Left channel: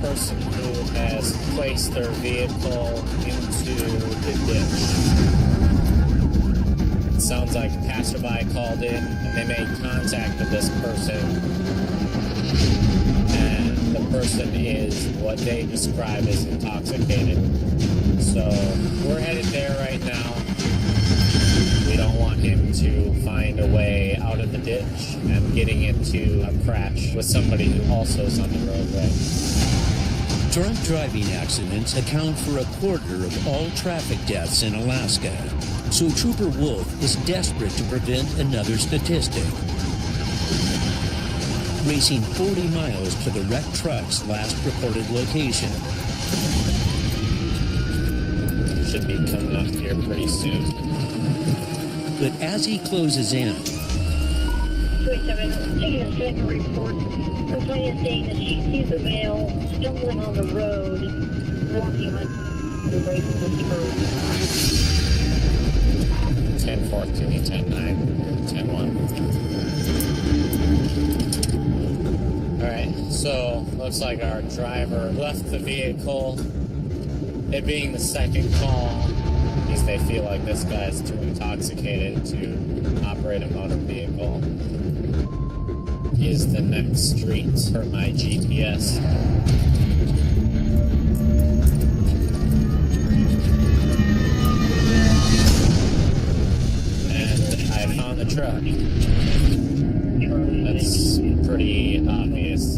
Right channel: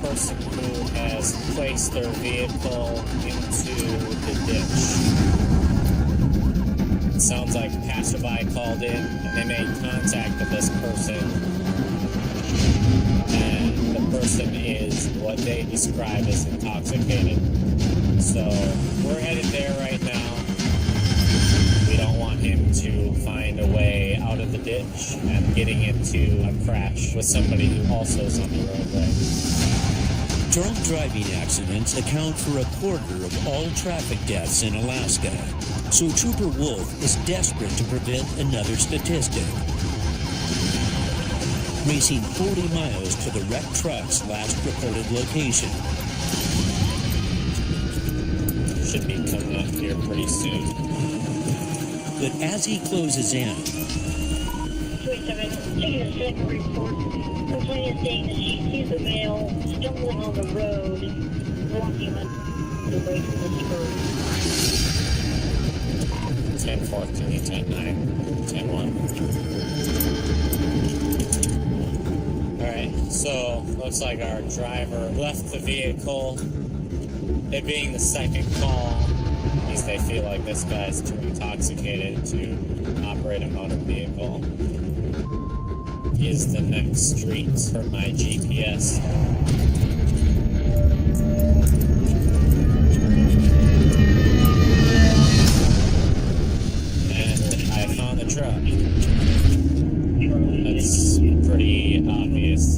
person who has placed their vehicle into the ditch. It sounds like a passerby called in and they made contact with this person. And the person is what they describe as intoxicated. So we're headed there right now. We don't want him to find a way out of the ditch and getting into a crash with somebody who also is on the roadway. Drunk driving accidents account for a quarter of all traffic deaths in Alaska. So Trooper Wolf is desperate to prevent another statistic. Racing 40 miles to the wrecked truck's last reported location. Should be coming up here pretty soon. But as he closes in, 27, taking a second report. Complainant saying that she sees a male stumbling on the road, walking away from the spur. 10-14, 10-9, or 10-1. Alright, so looks like our driver left the vehicle. It being the second call, means they feel like this guy's too intoxicated to operate a motor vehicle. Is the next street for my GPS. And I found the truck. That's pretty obvious.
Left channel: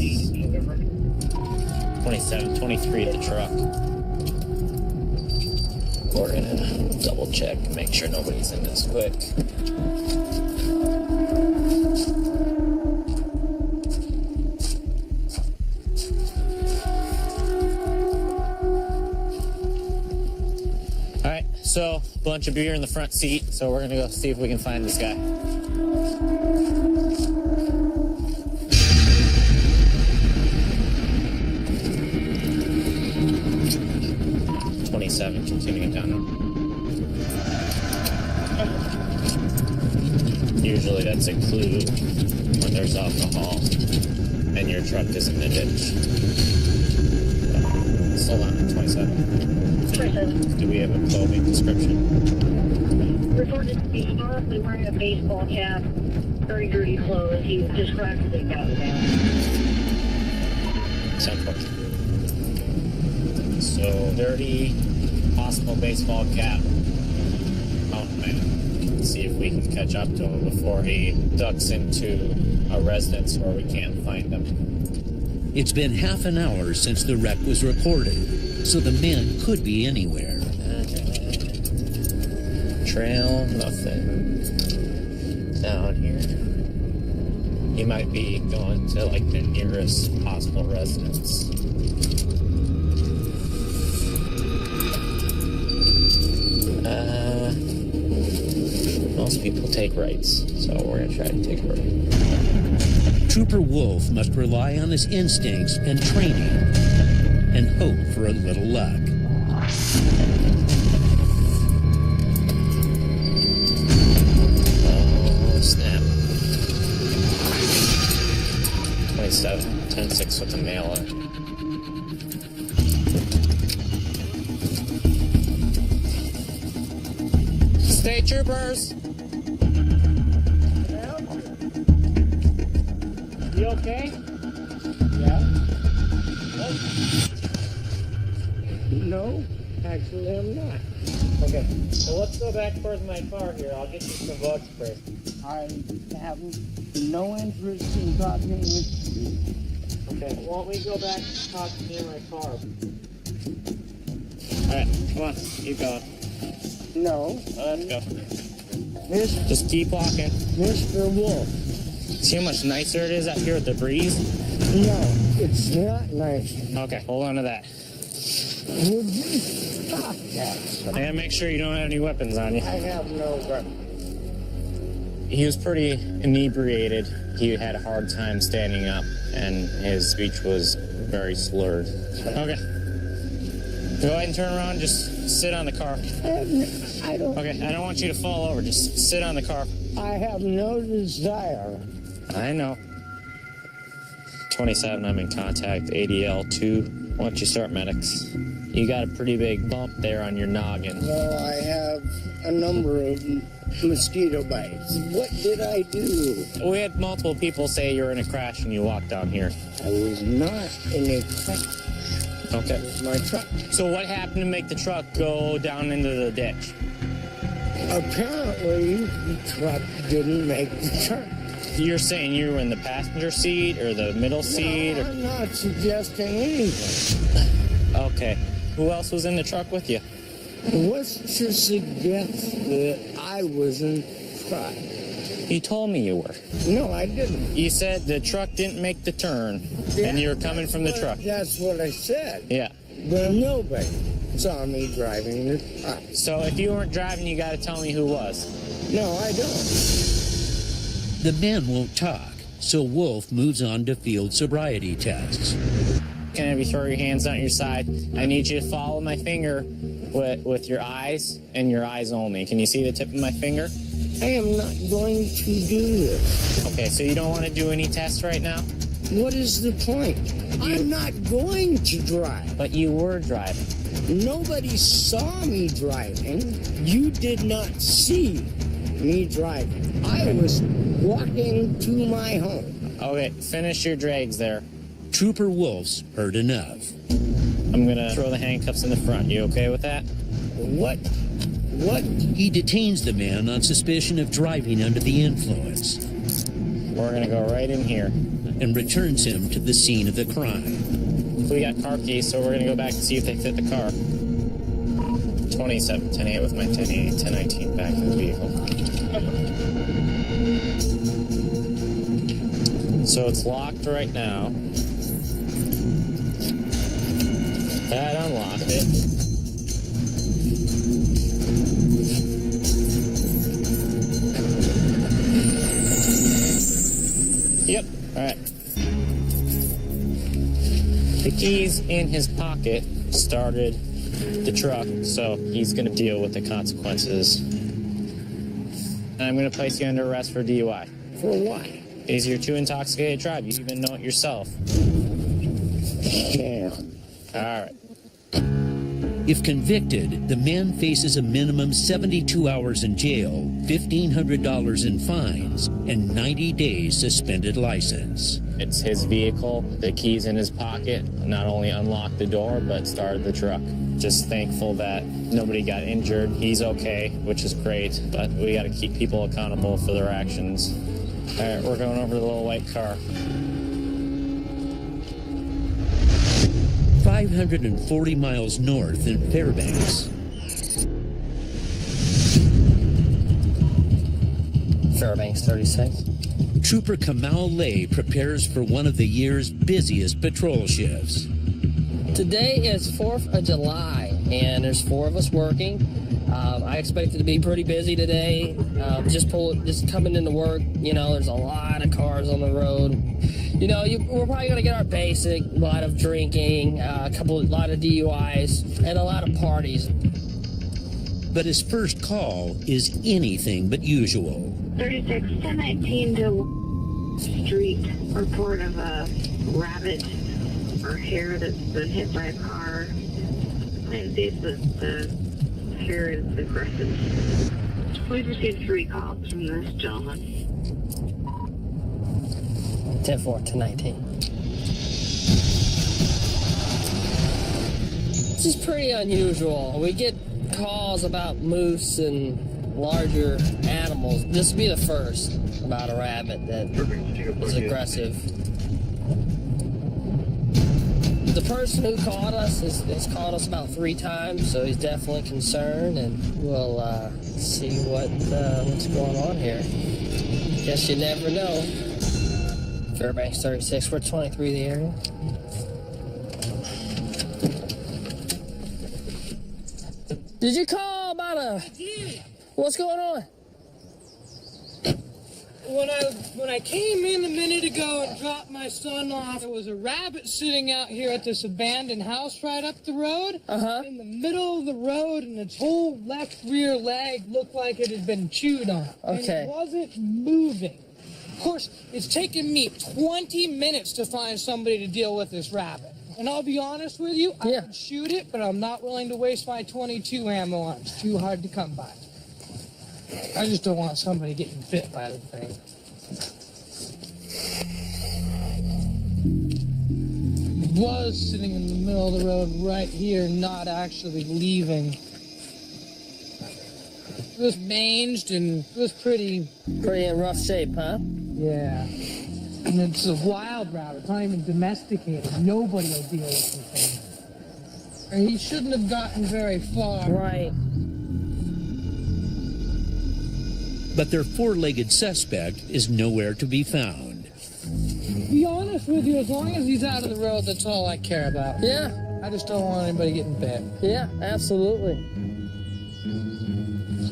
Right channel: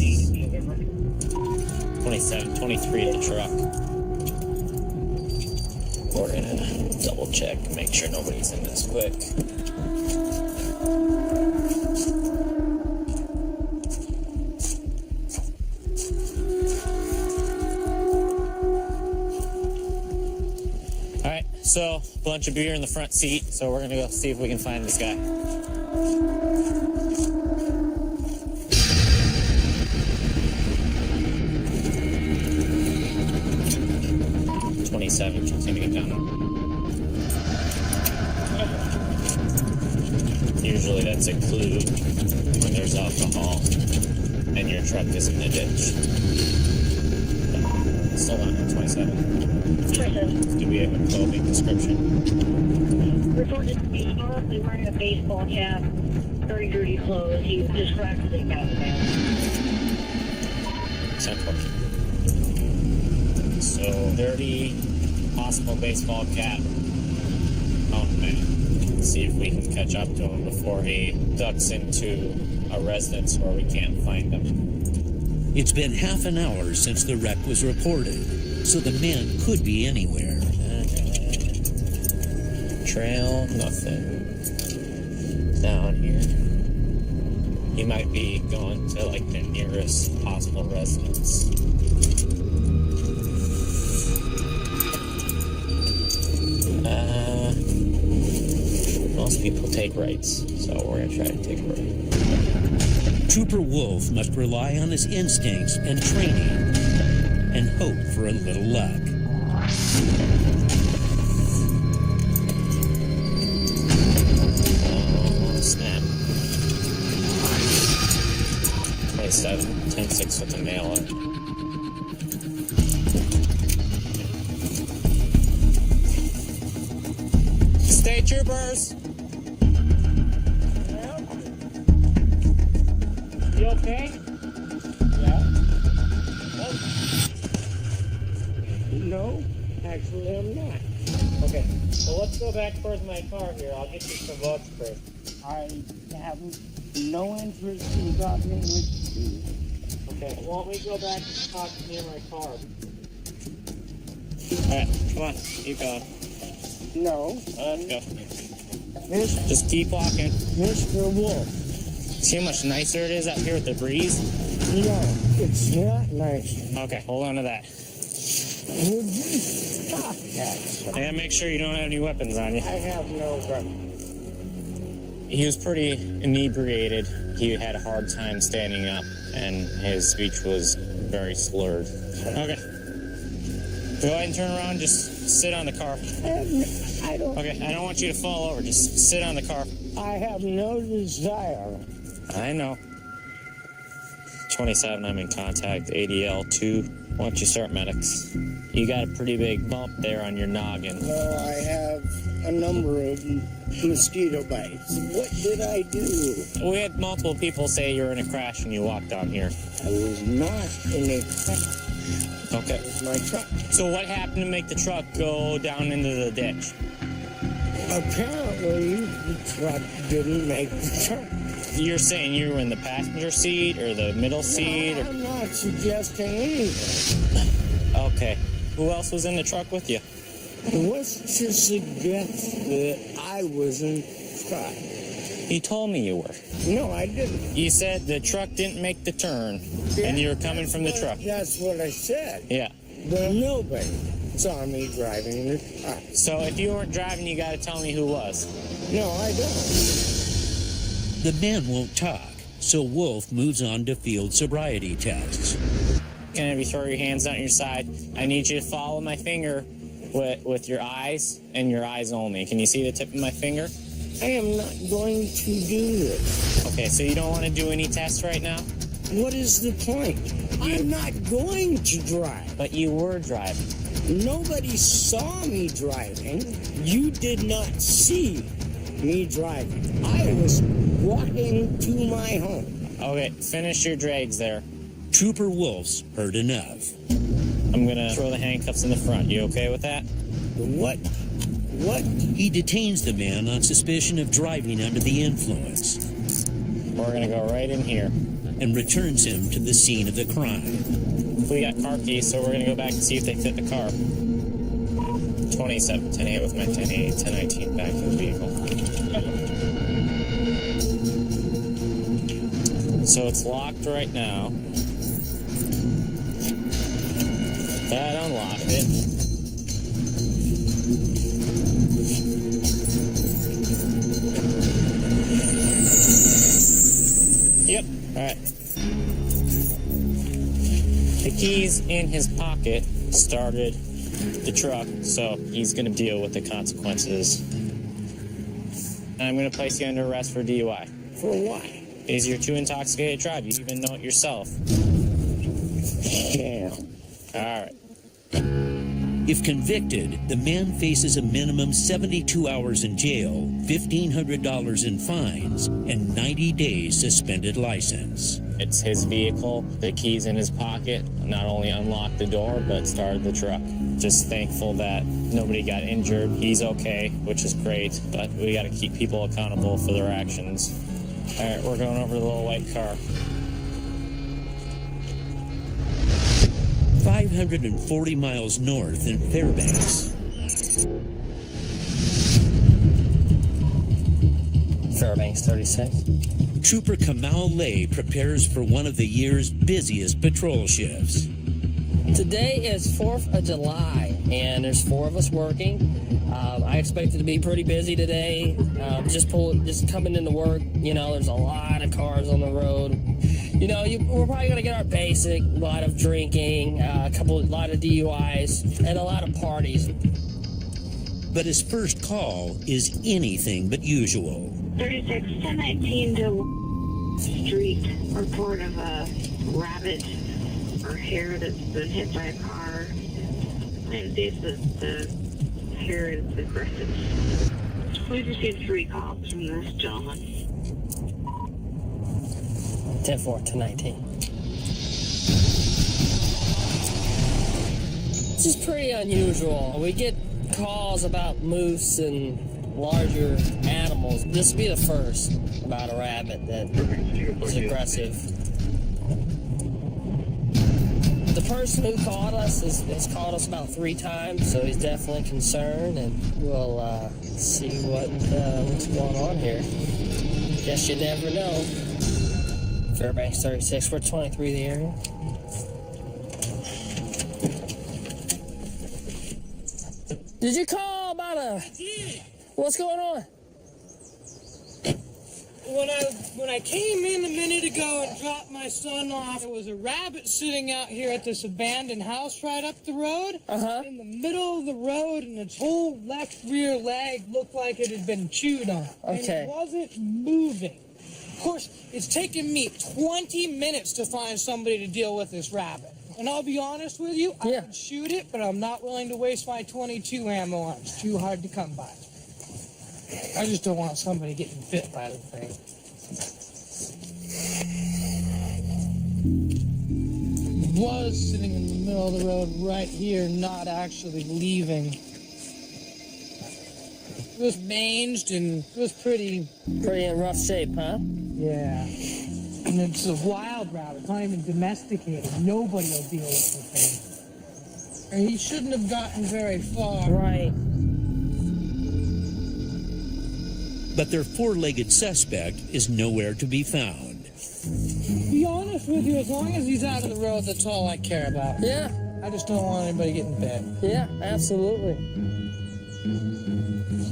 27, 23 at the truck. We're gonna double check and make sure nobody's in this quick. Alright, so a bunch of beer in the front seat, so we're gonna go see if we can find this guy. Continuing down. Usually that's a clue when there's alcohol and your truck is in the ditch. Hold on, 27. 27. Do we have a clothing description? Reported to be probably wearing a baseball cap, very dirty clothes. He described as a gout man. 10-4. So dirty, possible baseball cap. Oh man. Let's see if we can catch up to him before he ducks into a residence where we can't find him. it's been half an hour since the wreck was reported, so the men could be anywhere. Trail, nothing down here. He might be going to like the nearest possible residence. Most people take rights, so we're gonna try to take a right. Trooper Wolf must rely on his instincts and training and hope for a little luck. Oh, snap. 27, 10-6 with the mailer. State troopers! You okay? Yeah. Oh. No, actually I'm not. Okay, so let's go back towards my car here. I'll get you some bug spray. I have no interest in talking with you. Okay, why don't we go back and talk near my car? Alright, come on, keep going. No. Let's go. Just keep walking. Mr. Wolf. See how much nicer it is out here with the breeze? No, it's not nice. Okay, hold on to that. Would you stop that, sir? I gotta make sure you don't have any weapons on you. I have no gun. He was pretty inebriated. He had a hard time standing up, and his speech was very slurred. Okay. Go ahead and turn around. Just sit on the car. I don't. Okay, I don't want you to fall over. Just sit on the car. I have no desire. I know. 27, I'm in contact. ADL 2 Why don't you start, medics? You got a pretty big bump there on your noggin. Well, I have a number of mosquito bites. What did I do? We had multiple people say you were in a crash when you walked down here. I was not in a crash. Okay. It was my truck. So what happened to make the truck go down into the ditch? Apparently, the truck didn't make the turn. You're saying you were in the passenger seat or the middle seat? No, I'm not suggesting anything. Okay. Who else was in the truck with you? What's to suggest that I was in the truck? You told me you were. No, I didn't. You said the truck didn't make the turn, and you were coming from the truck. That's what I said. Yeah. But nobody saw me driving the truck. So if you weren't driving, you got to tell me who was. No, I don't. The men won't talk, so Wolf moves on to field sobriety tests. Can I have you throw your hands down your side? I need you to follow my finger with your eyes and your eyes only. Can you see the tip of my finger? I am not going to do this. Okay, so you don't want to do any tests right now? What is the point? I'm not going to drive. But you were driving. Nobody saw me driving. You did not see me driving. I was walking to my home. Okay, finish your drags there. Trooper Wolf's heard enough. I'm going to throw the handcuffs in the front. You okay with that? What? He detains the man on suspicion of driving under the influence We're going to go right in here. and returns him to the scene of the crime. We got car keys, so we're going to go back and see if they fit the car. 27, 10-8 with my 10-8, 10-19 back to the vehicle. So it's locked right now. That unlocked it. Yep, alright. The keys in his pocket started the truck, so he's going to deal with the consequences. And I'm going to place you under arrest for DUI. For what? Because you're too intoxicated to drive. You even know it yourself. Damn. Alright. If convicted, the man faces a minimum 72 hours in jail, $1,500 in fines, and 90 days suspended license. It's his vehicle. The keys in his pocket not only unlocked the door, but started the truck. Just thankful that nobody got injured. He's okay, which is great, but we got to keep people accountable for their actions. All right, we're going over to the little white car. 540 miles north in Fairbanks. Fairbanks 36. Trooper Kamal Lay prepares for one of the year's busiest patrol shifts. Today is 4th of July, and there's 4 of us working. I expect it to be pretty busy today. Just coming into work, you know, there's a lot of cars on the road. You know, we're probably going to get our basic, a lot of drinking, a lot of DUIs, and a lot of parties. But his first call is anything but usual. 36, 1019 to Street. Report of a rabbit or hare that's been hit by a car. And see if the hare is aggressive. We've received 3 calls from this gentleman. 10-4, 10-19. This is pretty unusual. We get calls about moose and larger animals. This will be the first about a rabbit that is aggressive. The person who called us has called us about 3 times, so he's definitely concerned, and we'll see what's going on here. Guess you never know. Fairbanks 36, we're 23 the area. Did you call about I did. what's going on? When I came in a minute ago and dropped my son off, there was a rabbit sitting out here at this abandoned house right up the road. In the middle of the road, and its whole left rear leg looked like it had been chewed on. And Okay. it wasn't moving. Of course, it's taken me 20 minutes to find somebody to deal with this rabbit. And I'll be honest with you, I Yeah. would shoot it, but I'm not willing to waste my 22 ammo on it. It's too hard to come by. I just don't want somebody getting bit by the thing. It was sitting in the middle of the road right here, not actually leaving. It was manged and it was pretty, Pretty in rough shape, huh? yeah. And it's a wild rabbit. It's not even domesticated. Nobody will deal with the thing. And he shouldn't have gotten very far. Right. But their four-legged suspect is nowhere to be found. To be honest with you, as long as he's out of the road, that's all I care about. Yeah. I just don't want anybody getting bit. Yeah, absolutely.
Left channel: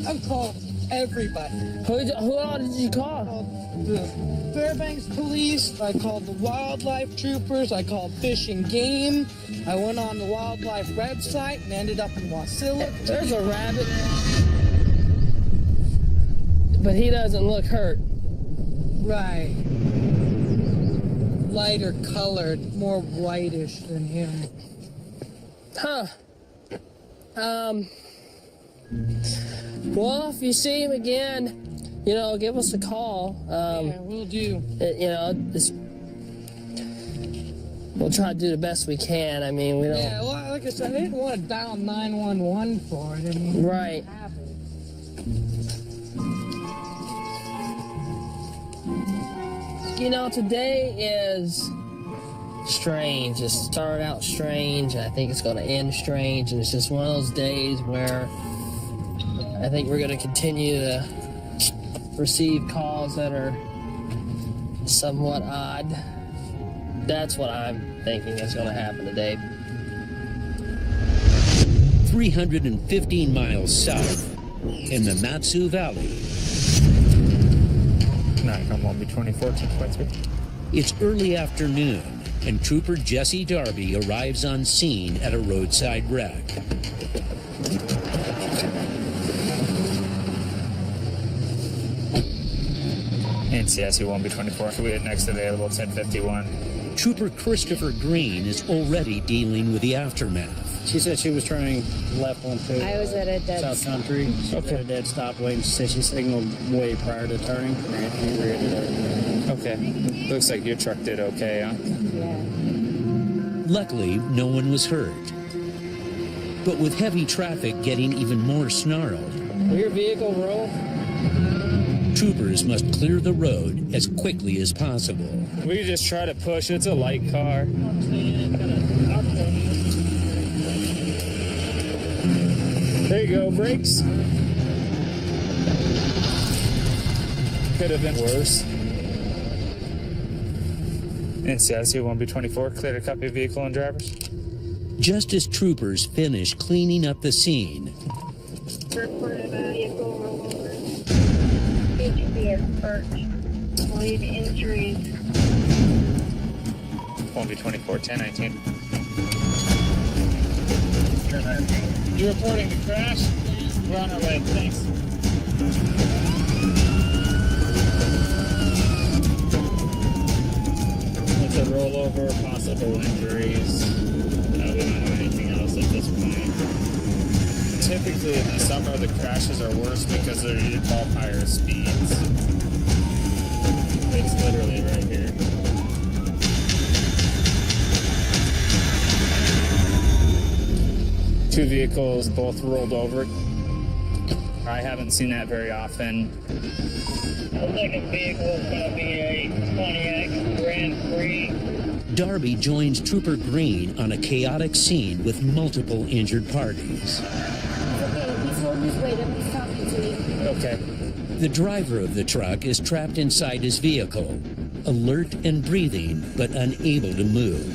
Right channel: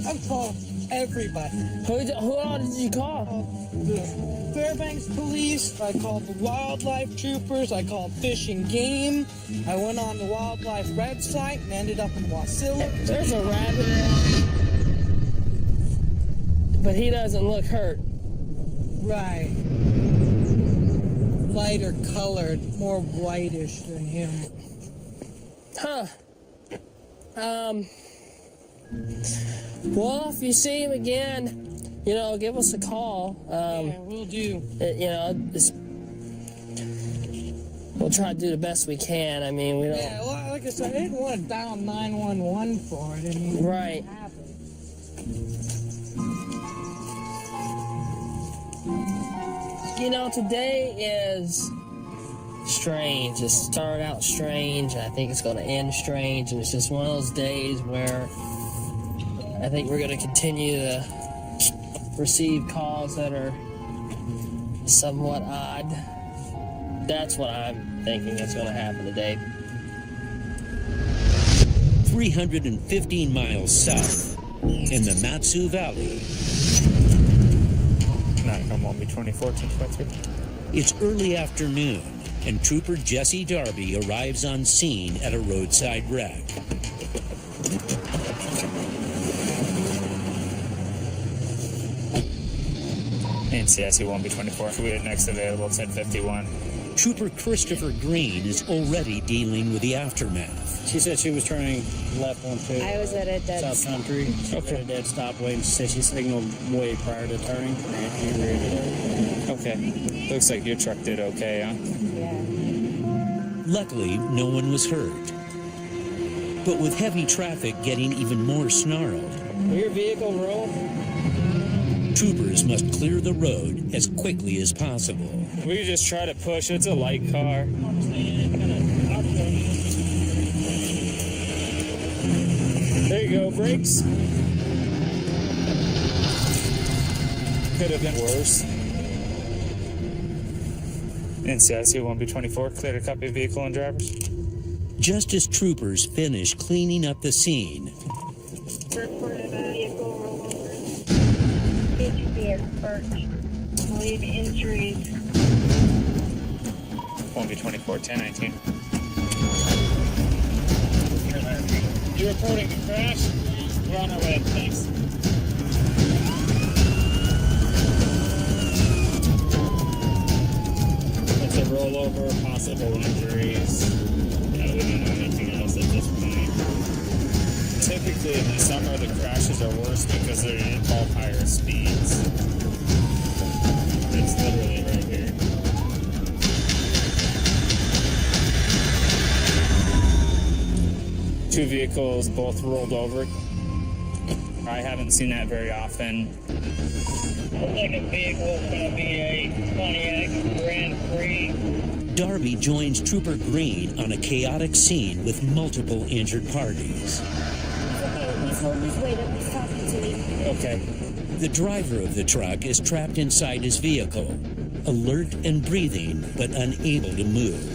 I've called everybody. Who all did you I call? called the Fairbanks Police. I called the wildlife troopers. I called Fish and Game. I went on the wildlife website and ended up in Wasilla. There's a rabbit. But he doesn't look hurt. Right. Lighter colored, more whitish than him. Huh. Well, if you see him again, you know, give us a call. Yeah, we'll do. You know, we'll try to do the best we can. I mean, we don't. Yeah, well, like I said, I didn't want to dial 911 for it. I mean, Right. have it. You know, today is strange. It started out strange, and I think it's going to end strange. And it's just one of those days where I think we're going to continue to receive calls that are somewhat odd. That's what I'm thinking is going to happen today. 315 miles south in the Matsu Valley. Nikon 1B24, 10.3. It's early afternoon, and Trooper Jesse Darby arrives on scene at a roadside wreck. NCSU 1B24, fluid next available, 1051. Trooper Christopher Green is already dealing with the aftermath. She said she was turning left onto I was at a dead South Country. She was at a dead stop lane. She said she signaled way prior to turning and he rear-ended her. Okay. Looks like your truck did okay, huh? Yeah. Luckily, no one was hurt. But with heavy traffic getting even more snarled, Will your vehicle roll? troopers must clear the road as quickly as possible. We could just try to push. It's a light car. There you go, brakes. Could have been worse. NCSU 1B24, clear to copy vehicle and drivers. Just as troopers finish cleaning up the scene, Reported a vehicle rollover. HP and burnt. Lead injuries. 1B24, 1019. You reporting the crash? Yeah. We're on our way. Thanks. It's a rollover, possible injuries. We don't know anything else at this point. Typically in the summer, the crashes are worse because they involve higher speeds. It's literally right here. Two vehicles both rolled over. I haven't seen that very often. The second vehicle is going to be a Pontiac Grand Prix. Darby joins Trooper Green on a chaotic scene with multiple injured parties. He's okay. He's holding his weight up. He's talking to me. Okay. The driver of the truck is trapped inside his vehicle, alert and breathing, but unable to move.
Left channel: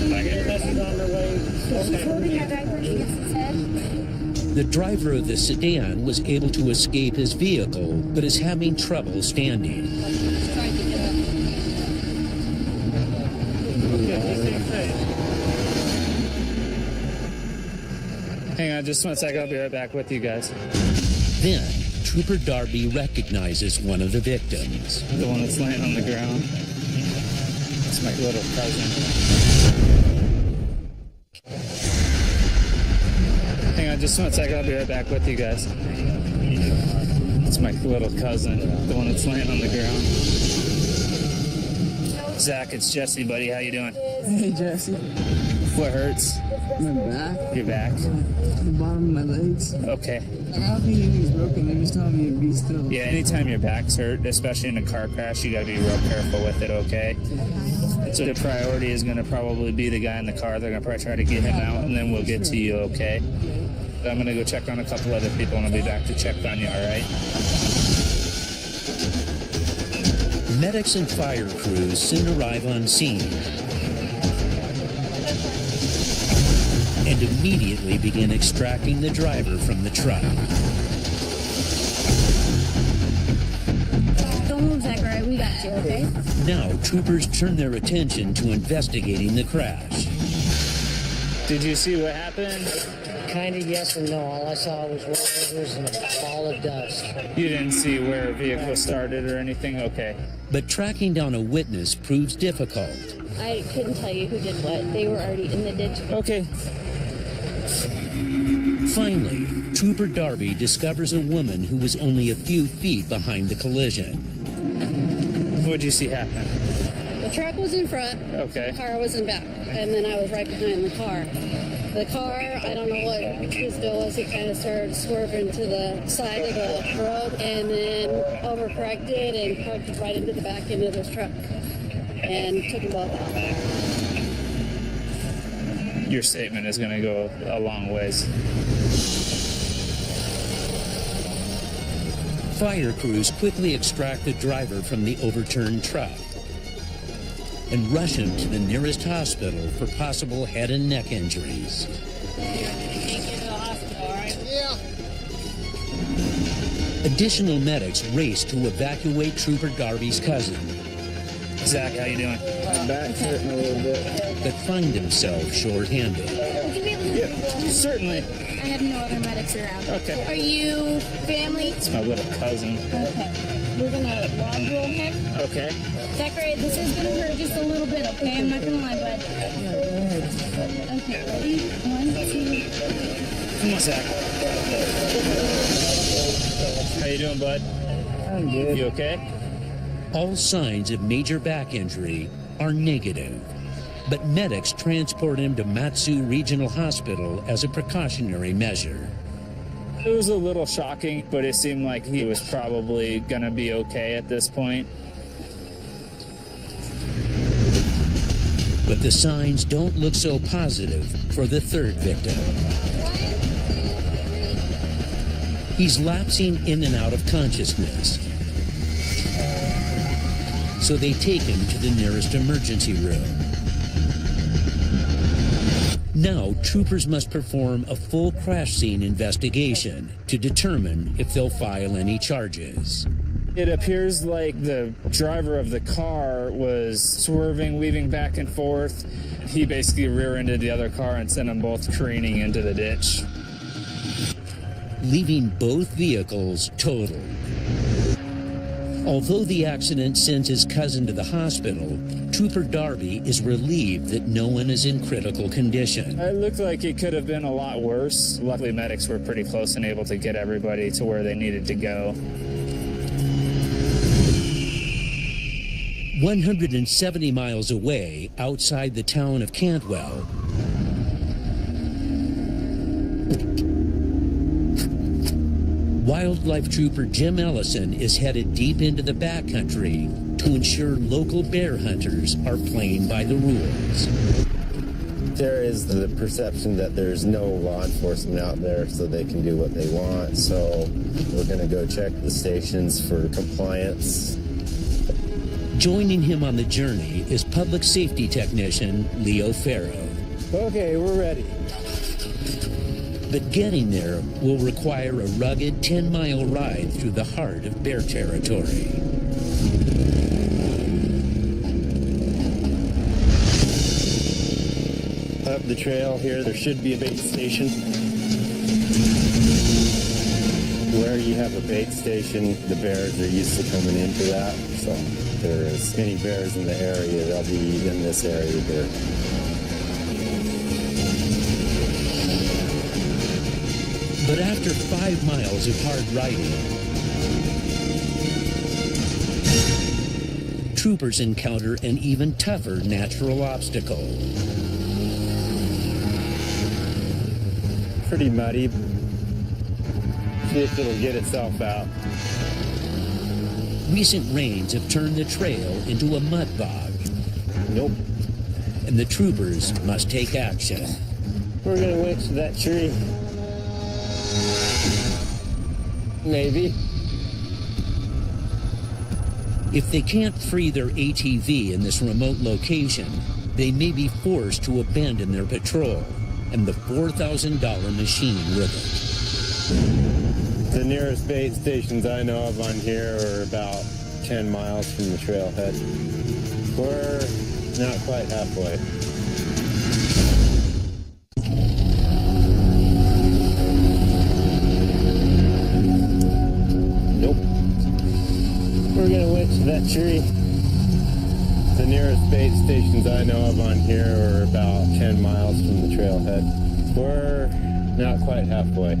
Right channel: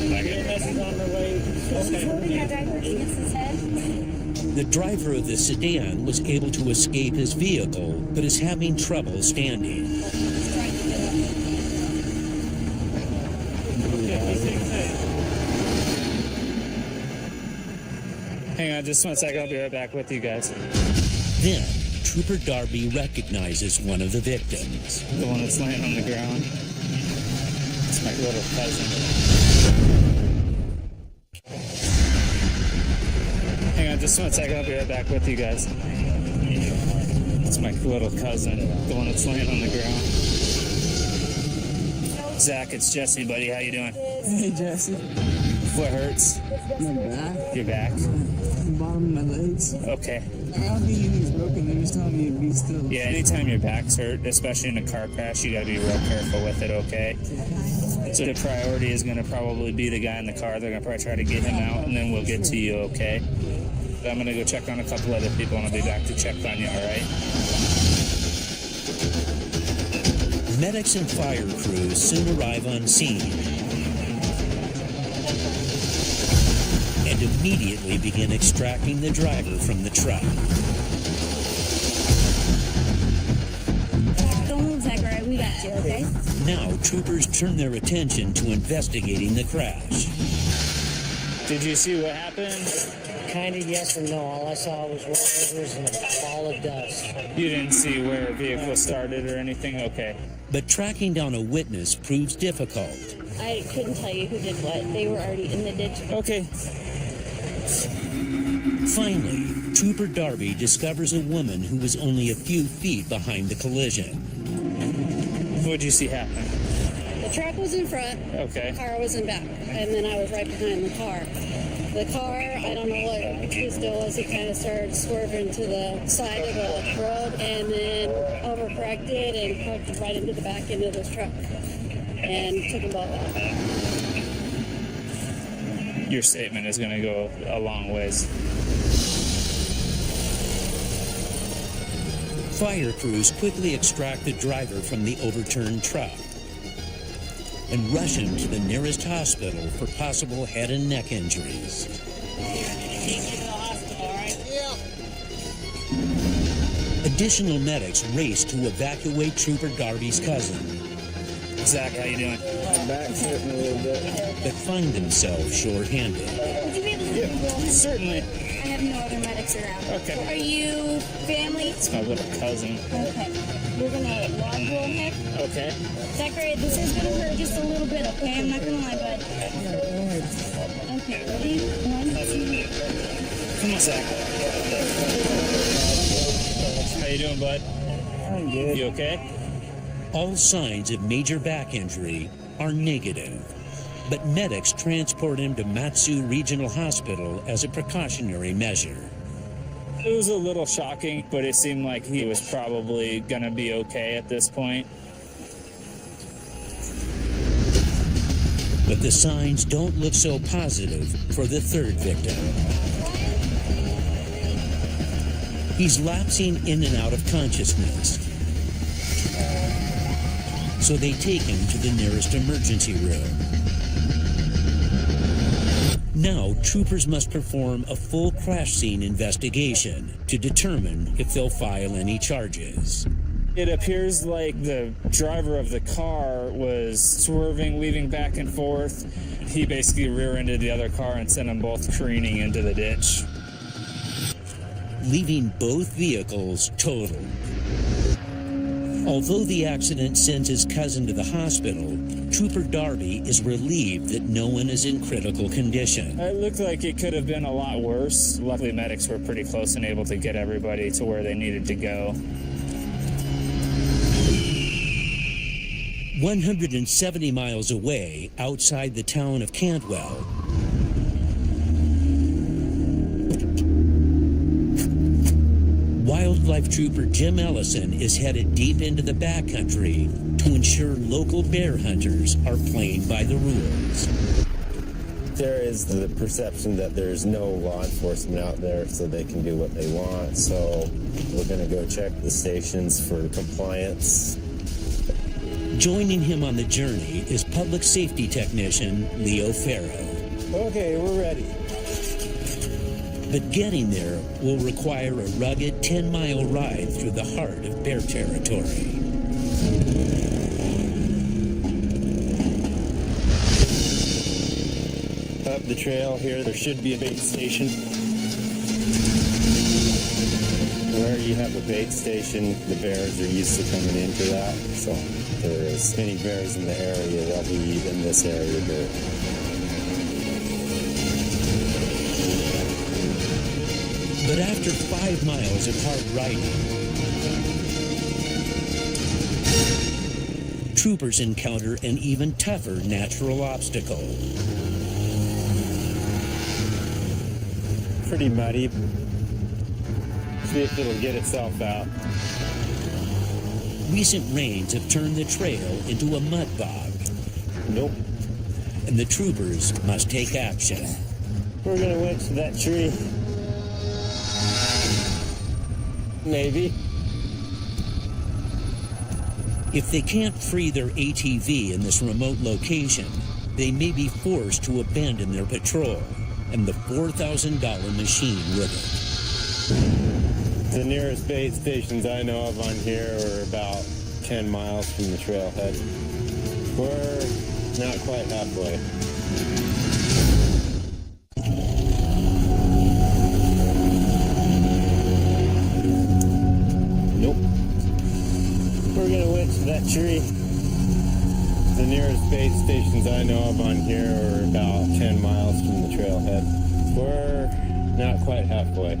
EMS on their way. He's holding our diapers against his head. The driver of the sedan was able to escape his vehicle, but is having trouble standing. He's trying to get up with Hang on just 1 second. I'll be right back with you guys. Then, Trooper Darby recognizes one of the victims. The one that's laying on the ground. It's my little cousin. on just 1 second. I'll be right back with you guys. It's my little cousin, the one that's laying on the ground. Zach, it's Jesse, buddy. How you doing? Hey, Jesse. What hurts? My back. Your back? The bottom of my legs. Okay. Like, I don't think anything's broken. They're just telling me to be still. Yeah, anytime your back's hurt, especially in a car crash, you got to be real careful with it, okay? So the priority is going to probably be the guy in the car. They're going to probably try to get him out, and then we'll get to you, okay? I'm going to go check on a couple other people, and I'll be back to check on you, all right? Medics and fire crews soon arrive on scene and immediately begin extracting the driver from the truck. Don't move, Zachary. We got you, okay? Now, troopers turn their attention to investigating the crash. Did you see what happened? Kind of yes and no. All I saw was rollovers and a ball of dust. You didn't see where a vehicle started or anything? Okay. But tracking down a witness proves difficult. I couldn't tell you who did what. They were already in the ditch. Okay. Finally, Trooper Darby discovers a woman who was only a few feet behind the collision. What'd you see happen? The truck was in front. Okay. The car was in back. And then I was right behind the car. The car, I don't know what his deal was. He kind of started swerving to the side of the road and then overcorrected and parked right into the back end of this truck and took them both out. Your statement is going to go a long ways. Fire crews quickly extract the driver from the overturned truck and rush him to the nearest hospital for possible head and neck injuries. Additional medics race to evacuate Trooper Darby's cousin. Zach, how you doing? My back's hurting a little bit. But find himself short-handed. Would you be able to roll him? Certainly. I have no other medics around. Okay. Are you family? It's my little cousin. Okay. We're gonna log roll him. Okay. Zachary, this is gonna hurt just a little bit, okay? I'm not gonna lie, bud. Okay, ready? 1, 2. Come on, Zach. How you doing, bud? I'm good. You okay? All signs of major back injury are negative, but medics transport him to Matsu Regional Hospital as a precautionary measure. It was a little shocking, but it seemed like he was probably going to be okay at this point. But the signs don't look so positive for the third victim. He's lapsing in and out of consciousness. So they take him to the nearest emergency room. Now, troopers must perform a full crash scene investigation to determine if they'll file any charges. It appears like the driver of the car was swerving, weaving back and forth. He basically rear-ended the other car and sent them both careening into the ditch, leaving both vehicles totaled. Although the accident sends his cousin to the hospital, Trooper Darby is relieved that no one is in critical condition. It looked like it could have been a lot worse. Luckily, medics were pretty close and able to get everybody to where they needed to go. 170 miles away, outside the town of Cantwell, Wildlife Trooper Jim Ellison is headed deep into the backcountry to ensure local bear hunters are playing by the rules. There is the perception that there's no law enforcement out there, so they can do what they want. So we're going to go check the stations for compliance. Joining him on the journey is public safety technician Leo Farrow. Okay, we're ready. But getting there will require a rugged 10-mile ride through the heart of bear territory. Up the trail here, there should be a bait station. Where you have a bait station, the bears are used to coming into that. So if there's any bears in the area, they'll be in this area here. But after 5 miles of hard riding, troopers encounter an even tougher natural obstacle. Pretty muddy. See if it'll get itself out. Recent rains have turned the trail into a mud bog. Nope. And the troopers must take action. We're gonna winch to that tree. Maybe. If they can't free their ATV in this remote location, they may be forced to abandon their patrol and the $4,000 machine with it. The nearest bait stations I know of on here are about 10 miles from the trailhead. We're not quite halfway. Nope. We're gonna winch to that tree. The nearest bait stations I know of on here are about 10 miles from the trailhead. We're not quite halfway.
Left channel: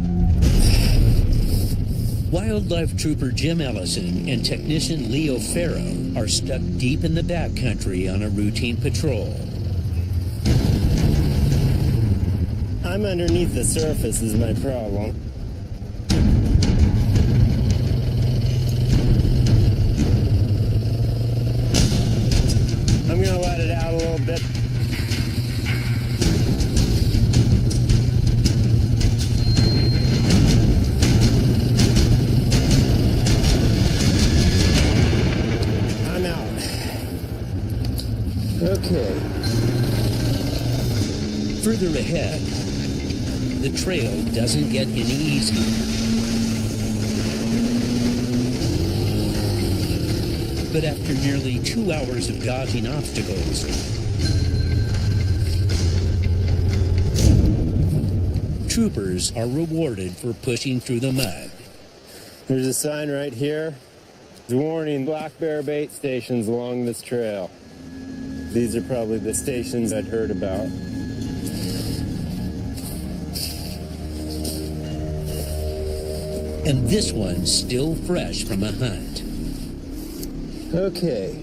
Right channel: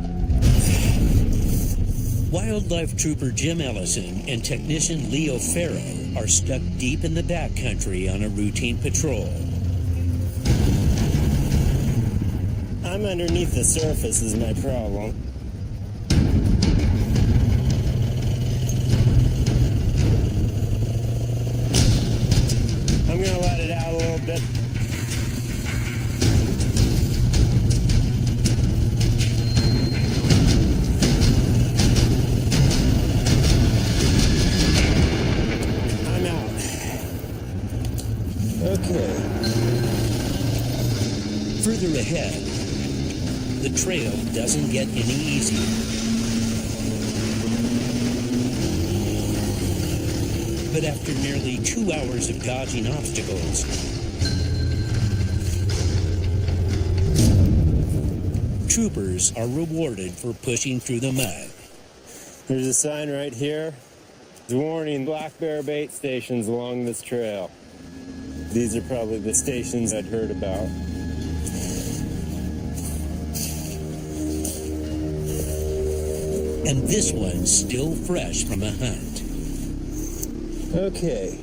Wildlife trooper Jim Ellison and technician Leo Farrow are stuck deep in the backcountry on a routine patrol. I'm underneath the surface is my problem. I'm gonna let it out a little bit. I'm out. Okay. Further ahead, the trail doesn't get any easier. But after nearly 2 hours of dodging obstacles, troopers are rewarded for pushing through the mud. There's a sign right here. It's warning black bear bait stations along this trail. These are probably the stations I'd heard about. And this one's still fresh from a hunt. Okay,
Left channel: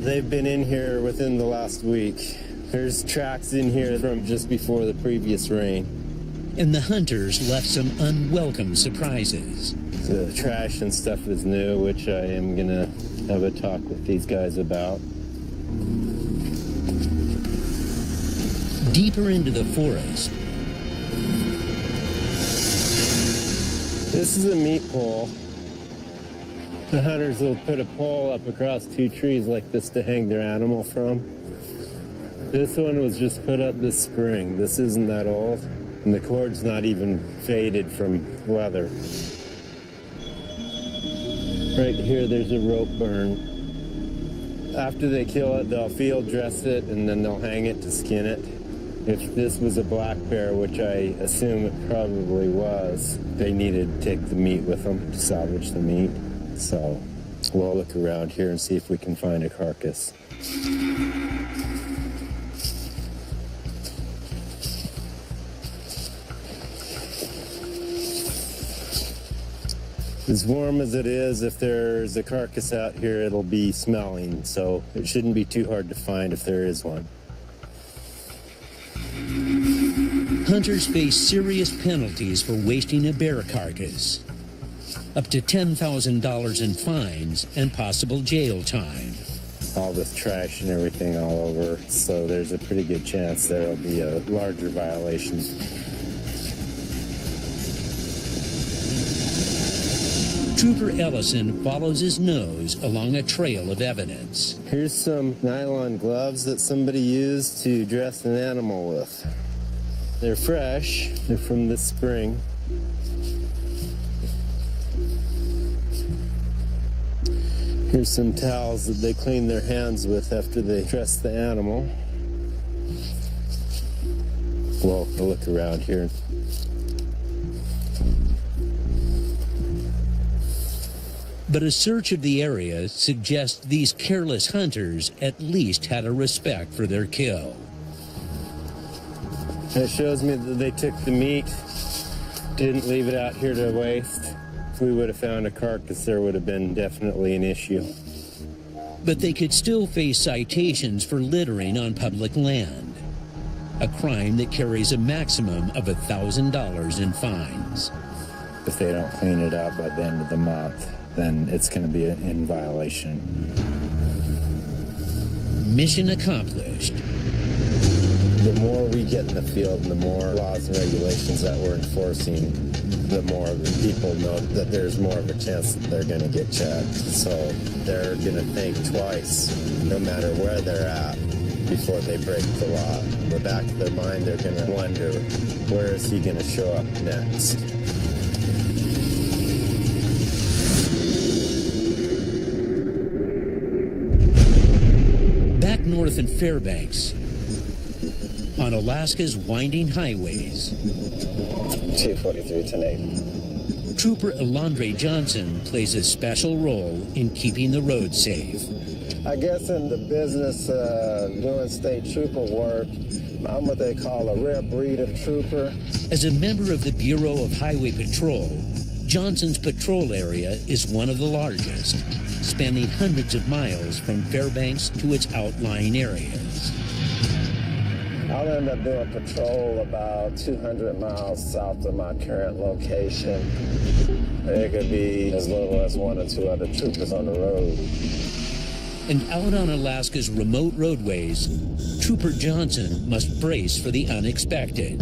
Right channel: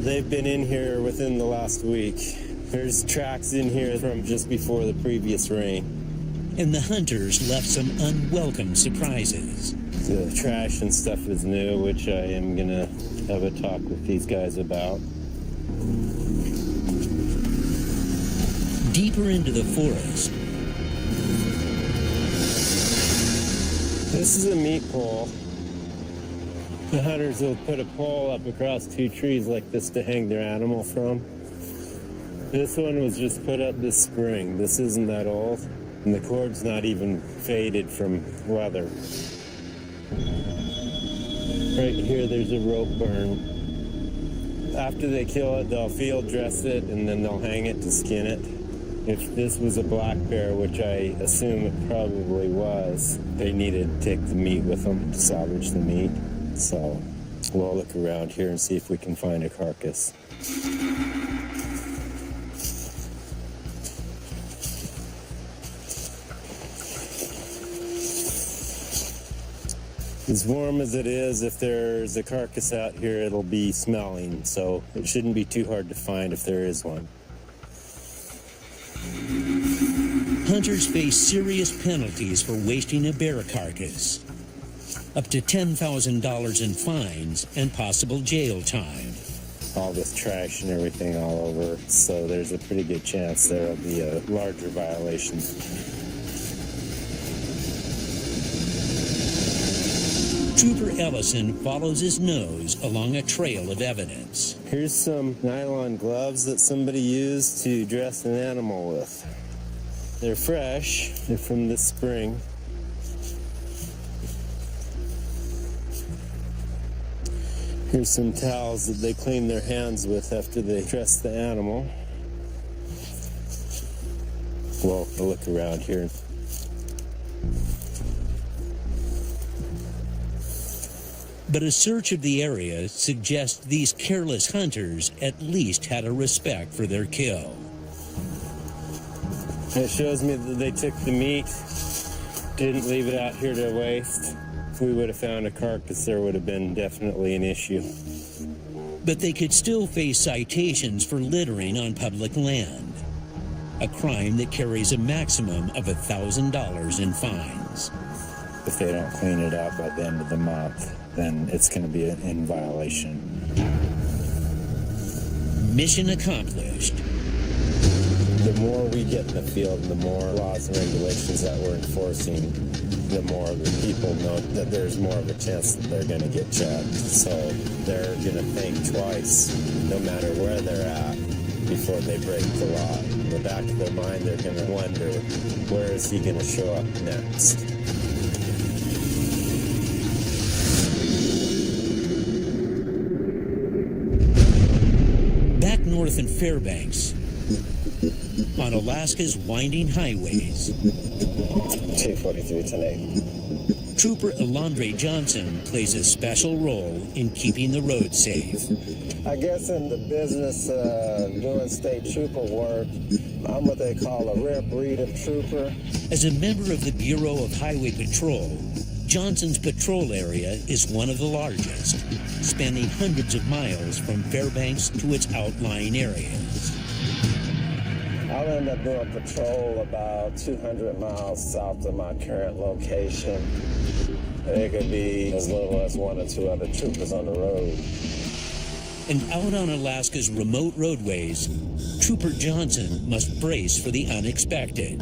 they've been in here within the last week. There's tracks in here from just before the previous rain. And the hunters left some unwelcome surprises. The trash and stuff is new, which I am gonna have a talk with these guys about. Deeper into the forest, this is a meat pole. The hunters will put a pole up across 2 trees like this to hang their animal from. This one was just put up this spring. This isn't that old, and the cord's not even faded from weather. Right here, there's a rope burn. After they kill it, they'll field dress it, and then they'll hang it to skin it. If this was a black bear, which I assume it probably was, they needed to take the meat with them to salvage the meat. So we'll look around here and see if we can find a carcass. As warm as it is, if there's a carcass out here, it'll be smelling, so it shouldn't be too hard to find if there is one. hunters face serious penalties for wasting a bear carcass. Up to $10,000 in fines and possible jail time. All this trash and everything all over, so there's a pretty good chance there'll be a larger violation. Trooper Ellison follows his nose along a trail of evidence. Here's some nylon gloves that somebody used to dress an animal with. They're fresh. They're from this spring. Here's some towels that they clean their hands with after they dress the animal. Well, I'll look around here. But a search of the area suggests these careless hunters at least had a respect for their kill. It shows me that they took the meat didn't leave it out here to waste, if we would have found a carcass, there would have been definitely an issue. But they could still face citations for littering on public land, a crime that carries a maximum of $1,000 in fines. If they don't clean it up by the end of the month, then it's going to be in violation. Mission accomplished. The more we get in the field and the more laws and regulations that we're enforcing, the more the people know that there's more of a chance that they're going to get checked. So they're going to think twice, no matter where they're at, before they break the law. In the back of their mind, they're going to wonder, where is he going to show up next? Back north in Fairbanks, on Alaska's winding highways, 243 10-8. Trooper Elandre Johnson plays a special role in keeping the road safe. I guess in the business doing state trooper work, I'm what they call a rare breed of trooper. As a member of the Bureau of Highway Patrol, Johnson's patrol area is one of the largest, spanning hundreds of miles from Fairbanks to its outlying areas. I'll end up doing patrol about 200 miles south of my current location. There could be as little as 1 or 2 other troopers on the road. And out on Alaska's remote roadways, Trooper Johnson must brace for the unexpected.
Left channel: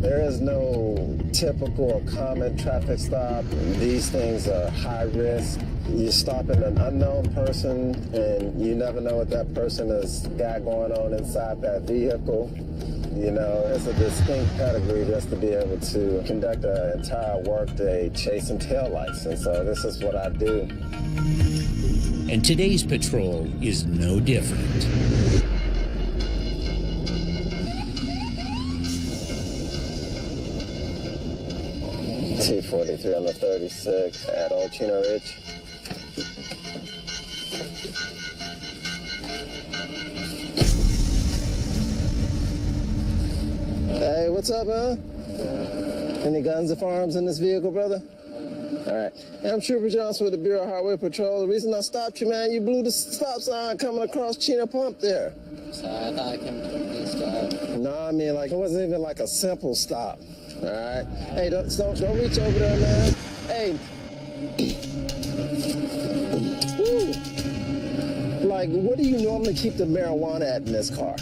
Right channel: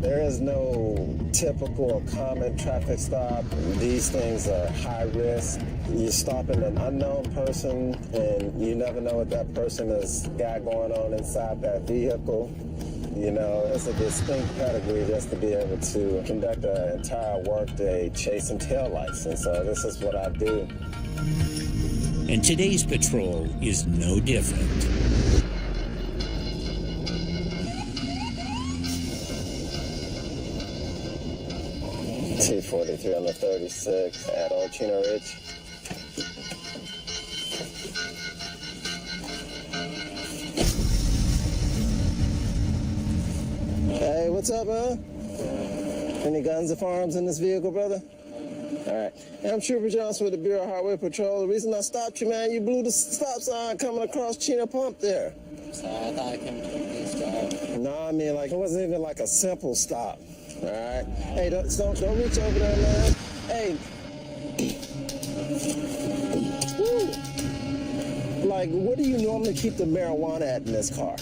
There is no typical or common traffic stop. These things are high risk. You're stopping an unknown person, and you never know what that person has got going on inside that vehicle. You know, it's a distinct pedigree just to be able to conduct an entire workday chasing taillights, and so this is what I do. And today's patrol is no different. T-43 on the 36 at Old Chino Ridge. Hey, what's up, man? Any guns or firearms in this vehicle, brother? All right. Hey, I'm Trooper Johnson with the Bureau of Highway Patrol. The reason I stopped you, man, you blew the stop sign coming across Chino Pump there. Sorry, I thought I came to this stop. No, I mean, like, it wasn't even like a simple stop. All right. Hey, don't reach over there, man. Hey. Woo. Like, what do you normally keep the marijuana at in this car?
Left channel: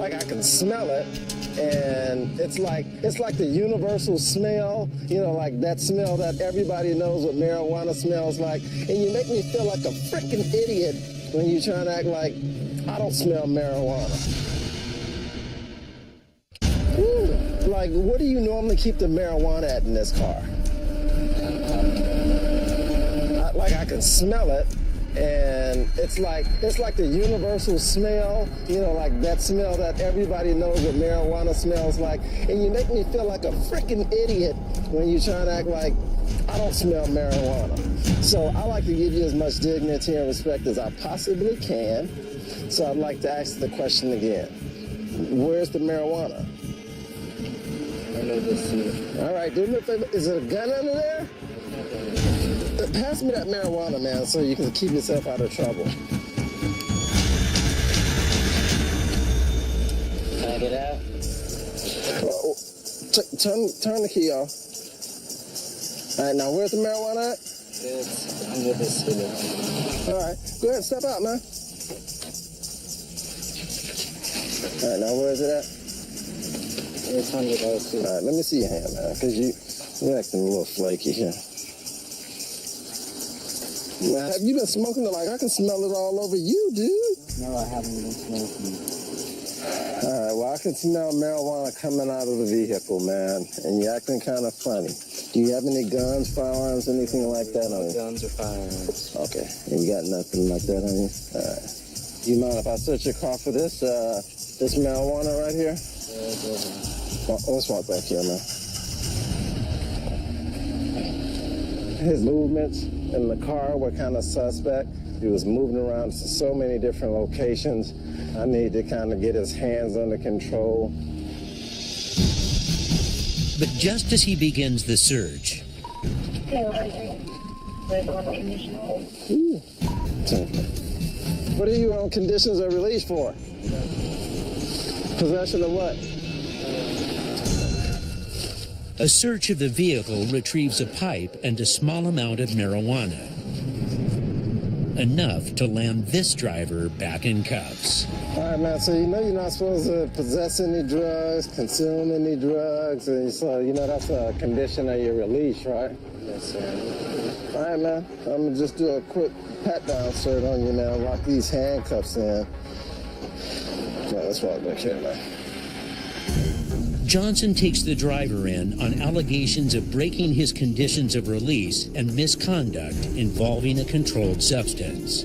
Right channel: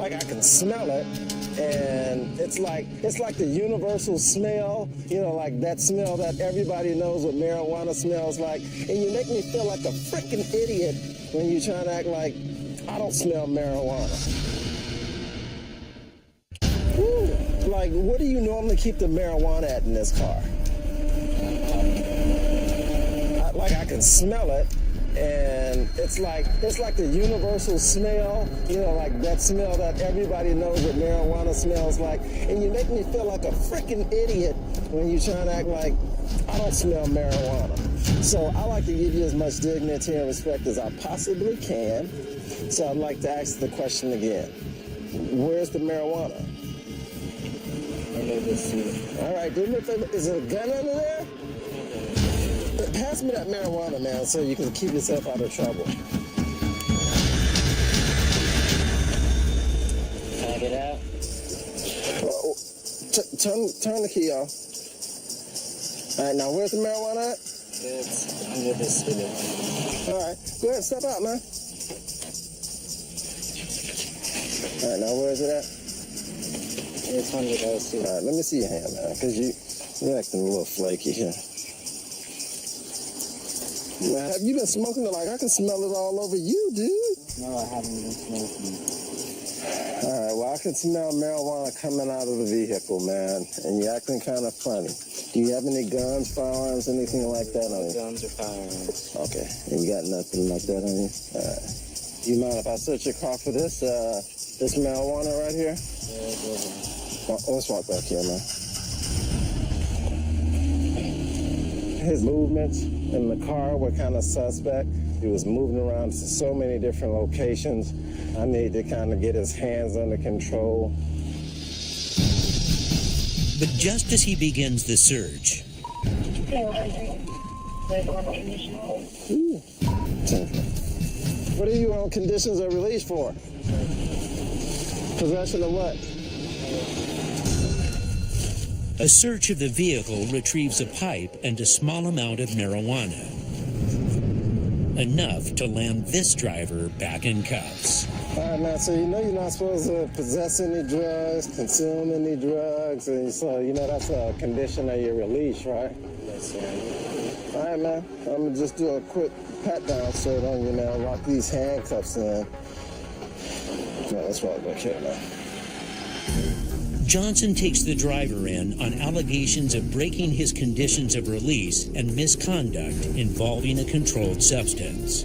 I can smell it, and it's like the universal smell, you know, like that smell that everybody knows what marijuana smells like. And you make me feel like a freaking idiot when you're trying to act like I don't smell marijuana. Ooh, like, what do you normally keep the marijuana at in this car? I can smell it, and it's like the universal smell, you know, like that smell that everybody knows what marijuana smells like. And you make me feel like a freaking idiot when you're trying to act like I don't smell marijuana. So I like to give you as much dignity and respect as I possibly can. So I'd like to ask the question again. Where's the marijuana? All right, do me a favor. Is there a gun under there? Pass me that marijuana, man, so you can keep yourself out of trouble. Can I get out? Oh, turn the key off. All right, now where's the marijuana at? It's under the seat. All right, go ahead, step out, man. All right, now where is it at? It's under the seat. All right, let me see your hand, man, because you're acting a little flaky here. Man, have you been smoking it? Like, I can smell it all over you, dude. No, I haven't been smoking. All right, well, I can smell marijuana coming out of the vehicle, man, and you're acting kind of funny. Do you have any guns, firearms, anything like that on you? Guns or firearms. Okay, and you got nothing like that on you? All right. Do you mind if I search your car for this marijuana right here? Yeah, go ahead. Well, let's walk back here, man. His movements in the car were kind of suspect. He was moving around to so many different locations. I need to kind of get his hands under control. But just as he begins the search, Ooh. What are you on conditions of release for? Possession of what? a search of the vehicle retrieves a pipe and a small amount of marijuana. Enough to land this driver back in cuffs. All right, man, so you know you're not supposed to possess any drugs, consume any drugs, and so you know that's a condition of your release, right? Yes, sir. All right, man, I'm gonna just do a quick pat-down cert on you, man, lock these handcuffs in. Well, let's walk back here, man. Johnson takes the driver in on allegations of breaking his conditions of release and misconduct involving a controlled substance.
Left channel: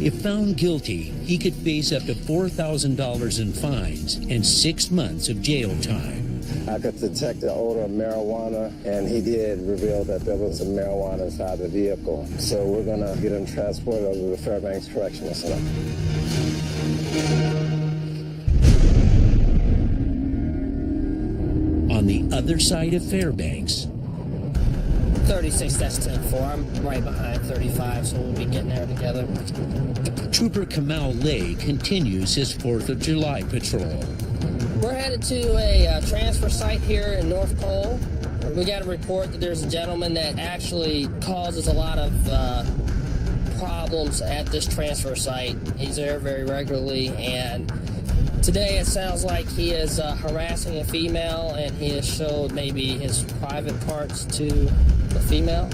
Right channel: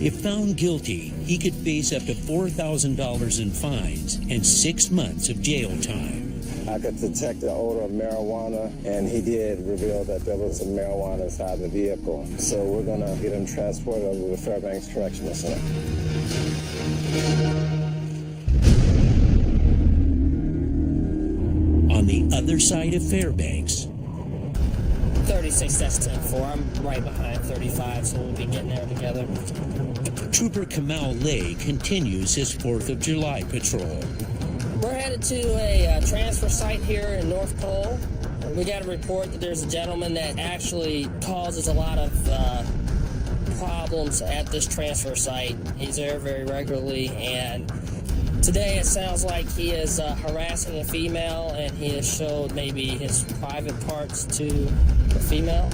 If found guilty, he could face up to $4,000 in fines and 6 months of jail time. I could detect the odor of marijuana, and he did reveal that there was some marijuana inside the vehicle. So we're gonna get him transported over to Fairbanks Correctional Center. On the other side of Fairbanks, 36, that's 10-4. I'm right behind 35, so we'll be getting there together. Trooper Kamal Lay continues his 4th of July patrol. We're headed to a transfer site here in North Cole. We got a report that there's a gentleman that actually causes a lot of problems at this transfer site. He's there very regularly, and today it sounds like he is harassing a female, and he has showed maybe his private parts to the female.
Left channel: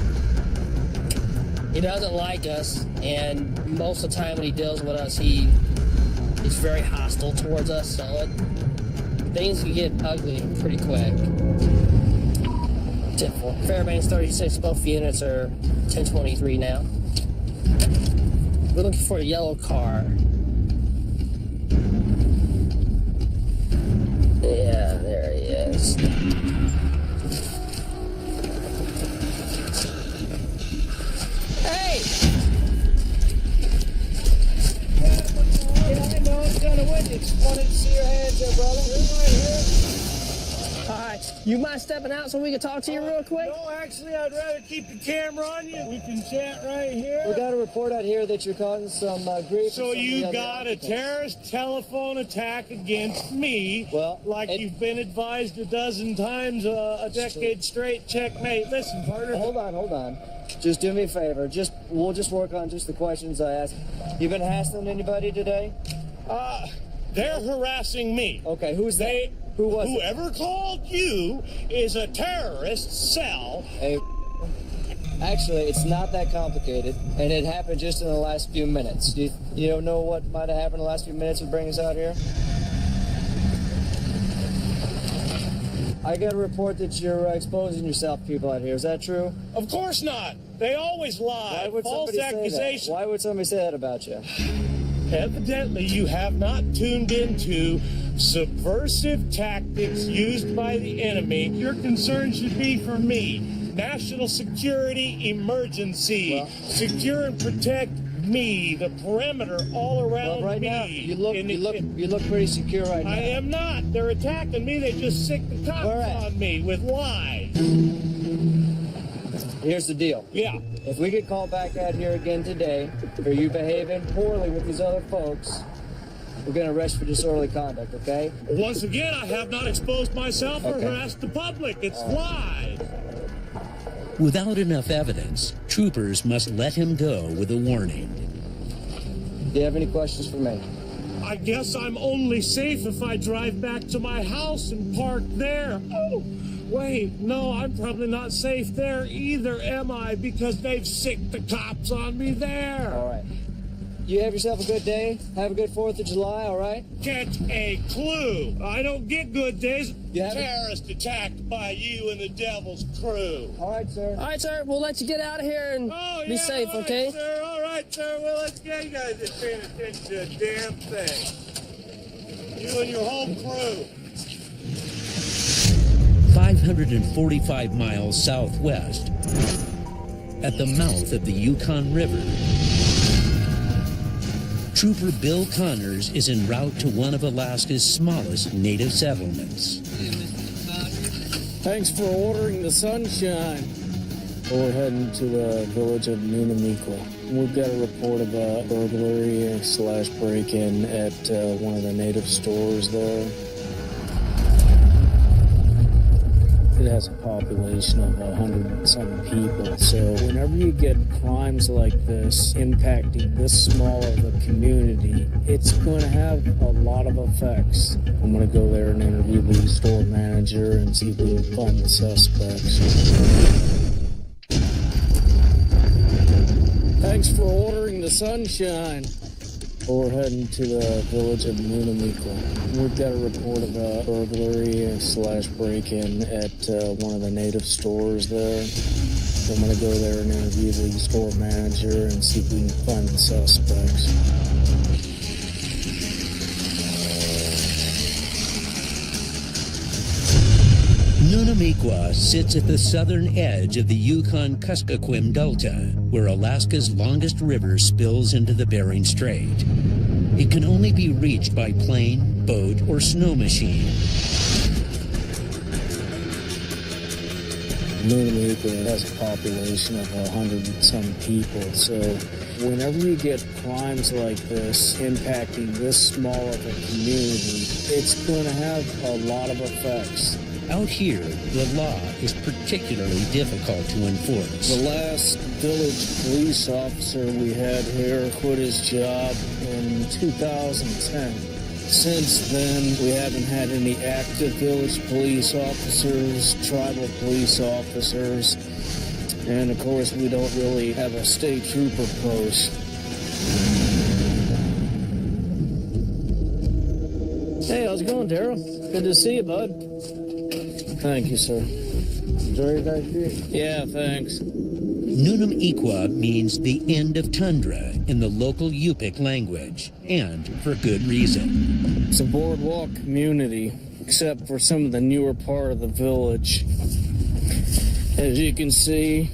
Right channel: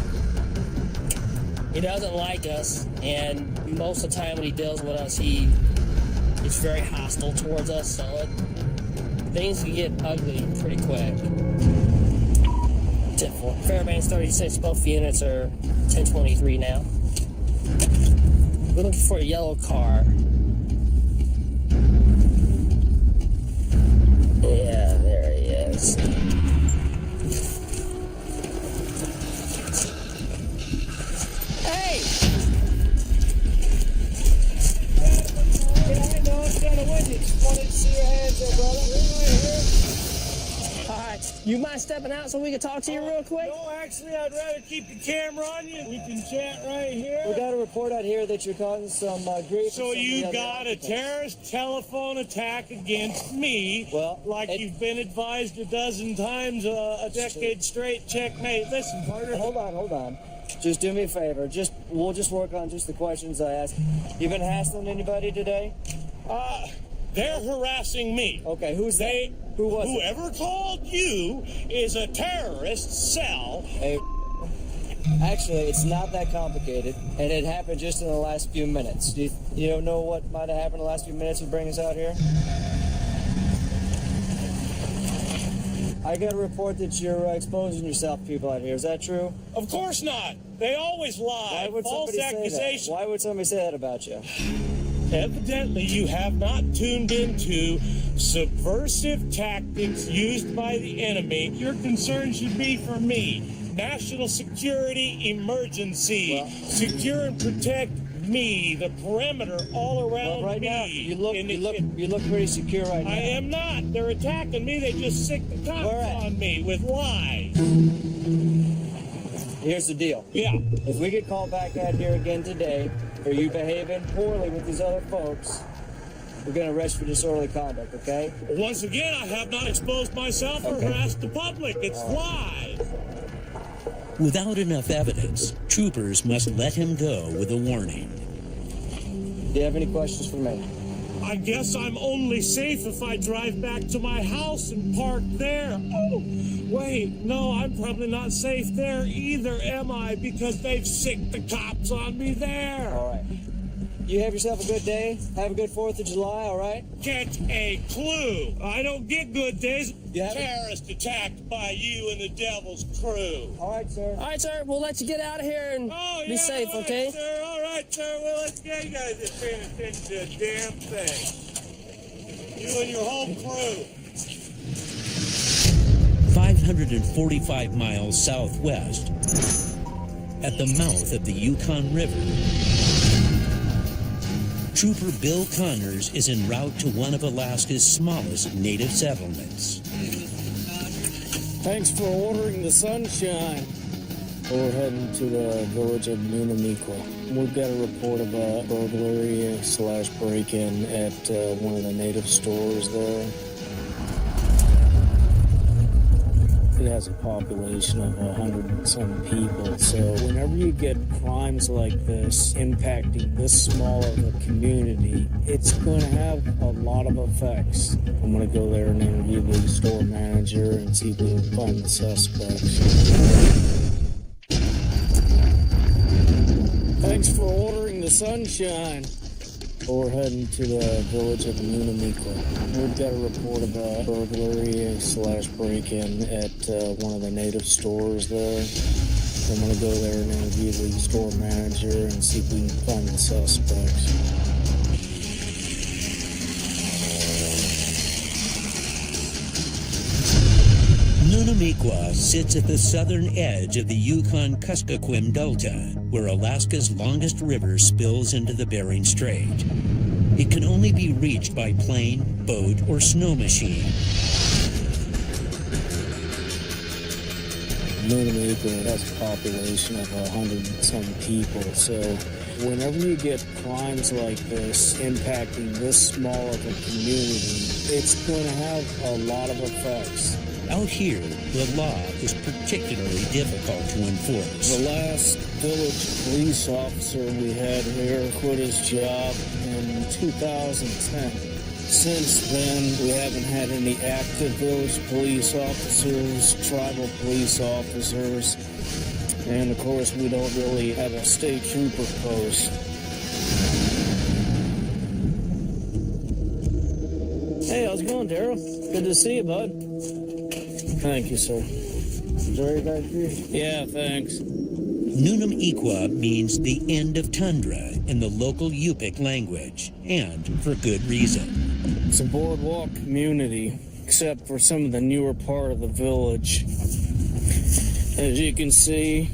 He doesn't like us, and most of the time when he deals with us, he's very hostile towards us, so things can get ugly pretty quick. 10-4. Fairbanks 36, both units are 1023 now. We're looking for a yellow car. Yeah, there he is. Hey! Yeah, I know, it's kind of windy. Just wanted to see your hands there, brother. You're right here. All right, you mind stepping out so we can talk to you real quick? No, actually, I'd rather keep the camera on you. We can chat right here. We got a report out here that you're causing some grief. So you got a terrorist telephone attack against me, like you've been advised a dozen times, a decade straight. Checkmate. Listen, partner. Hold on. Just do me a favor. We'll just work on just the questions I ask. You been hassling anybody today? They're harassing me. Okay, who's that? Who was it? Whoever called you is a terrorist cell. Hey, actually, it's not that complicated, and it happened just in the last few minutes. You don't know what might have happened in the last few minutes to bring us out here? I got a report that you're exposing yourself to people out here. Is that true? Of course not. They always lie. Why would False accusations. Why would somebody say that about you? Evidently, you have not tuned into subversive tactics used by the enemy. Your concern should be for me. National security emergency. Secure and protect me, the perimeter all around right me. Now, you look pretty secure right now. I am not. They're attacking me. They just sick the cops on me with lies. Here's the deal. Yeah. If we get called back out here again today for you behaving poorly with these other folks, we're going to arrest you for disorderly conduct, okay? Once again, I have not exposed myself or harassed the public. It's lies. Without enough evidence, troopers must let him go with a warning. Do you have any questions for me? I guess I'm only safe if I drive back to my house and park there. Oh, wait, no, I'm probably not safe there either, am I? Because they've sicked the cops on me there. All right. You have yourself a good day. Have a good 4th of July, all right? Get a clue. I don't get good days. Terrorist attacked by you and the devil's crew. All right, sir. All right, sir. We'll let you get out of here and be safe, all right, okay? Sir. All right, sir. Well, let's get you guys just paying attention to the damn thing. You and your whole crew. 545 miles southwest, at the mouth of the Yukon River, Trooper Bill Connors is en route to one of Alaska's smallest native settlements. Thanks for ordering the sunshine. We're heading to the village of Nunamiqua. We've got a report of a burglary/break-in at one of the native stores there. It has a population of 100 and some people, so whenever you get crimes like this impacting this small of a community, it's going to have a lot of effects. I'm going to go there and interview the store manager and see if we can find the suspects. Thanks for ordering the sunshine. We're heading to the village of Nunamiqua. We've got a report of a burglary/break-in at one of the native stores there. I'm going to go there and interview the store manager and see if we can find the suspects. Nunamiqua sits at the southern edge of the Yukon-Kuskokwim Delta, where Alaska's longest river spills into the Bering Strait. It can only be reached by plane, boat, or snow machine. Nunamiqua has a population of 100 and some people, so whenever you get crimes like this impacting this small of a community, it's going to have a lot of effects. Out here, the law is particularly difficult to enforce. The last village police officer we had here quit his job in 2010. Since then, we haven't had any active village police officers, tribal police officers, and of course, we don't really have a state trooper post. Hey, how's it going, Daryl? Good to see you, bud. Thank you, sir. Enjoy your guys' beer. Yeah, thanks. Nunamiqua means the end of tundra in the local Yupik language, and for good reason. It's a boardwalk community, except for some of the newer part of the village. As you can see,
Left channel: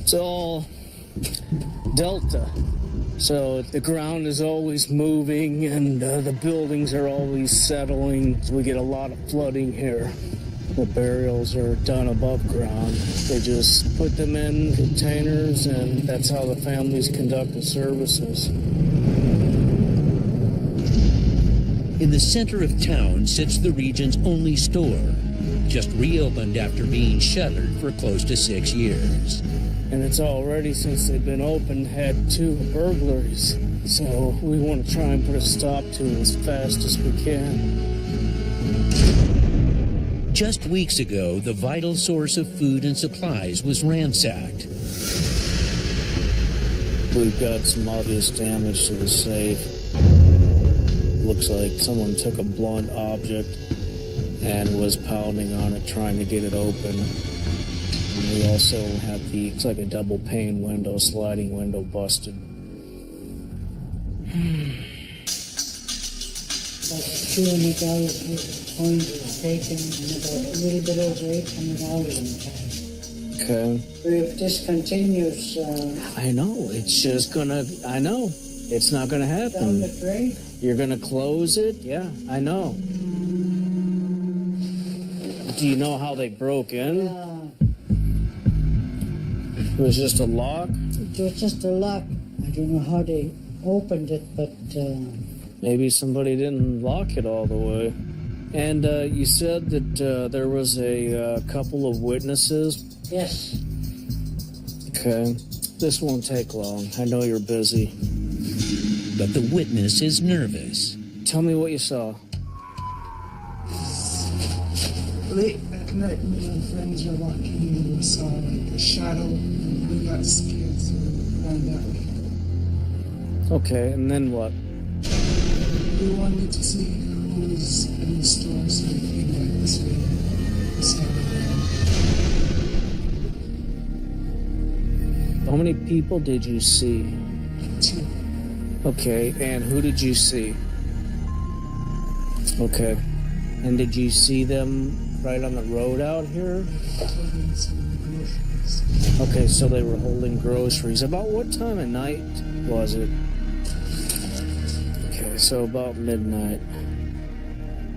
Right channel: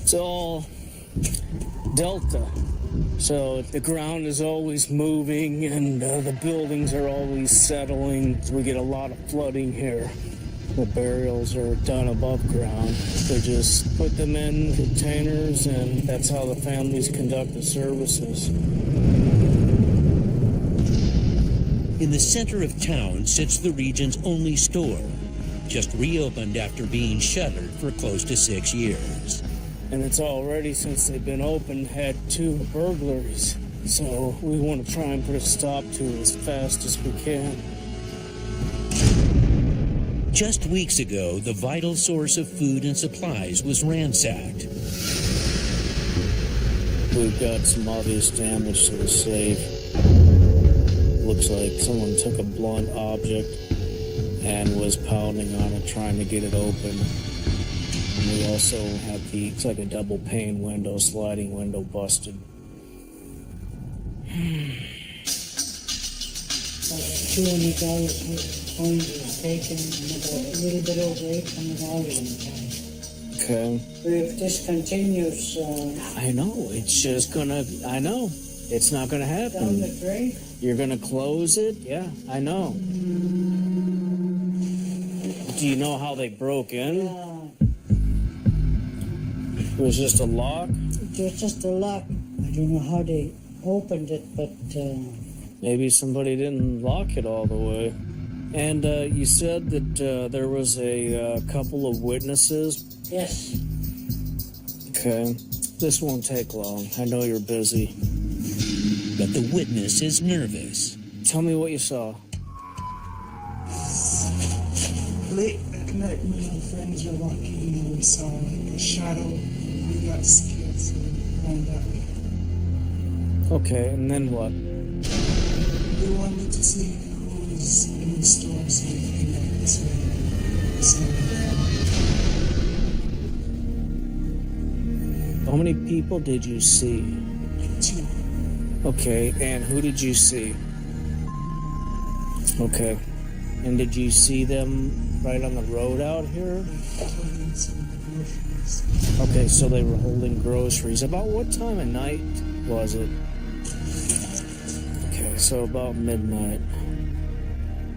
it's all delta. So the ground is always moving and the buildings are always settling. We get a lot of flooding here. The burials are done above ground. They just put them in containers and that's how the families conduct the services. In the center of town sits the region's only store, just reopened after being shuttered for close to 6 years. And it's already, since they've been open, had 2 burglaries. So we want to try and put a stop to it as fast as we can. Just weeks ago, the vital source of food and supplies was ransacked. We've got some obvious damage to the safe. Looks like someone took a blunt object and was pounding on it, trying to get it open. And we also have looks like a double pane window, sliding window busted. About $200 coins was taken and about a little bit over $800 in cash. Okay. But if this continues... I know, it's just gonna... I know. It's not gonna happen. Down the drain? You're gonna close it? Yeah, I know. Do you know how they broke in? It was just a lock? It was just a lock. I don't know how they opened it, but... Maybe somebody didn't lock it all the way. And you said that there was a couple of witnesses? Yes. Okay. This won't take long. I know you're busy. But the witness is nervous. Tell me what you saw. Late at night, me and friends were walking and we saw like a shadow and we got scared, so we ran that way. Okay, and then what? We wanted to see who was in the store, so we came back this way and we saw them. How many people did you see? 2. Okay, and who did you see? Okay. And did you see them right on the road out here? Holding some groceries. Okay, so they were holding groceries. About what time of night was it? So about midnight.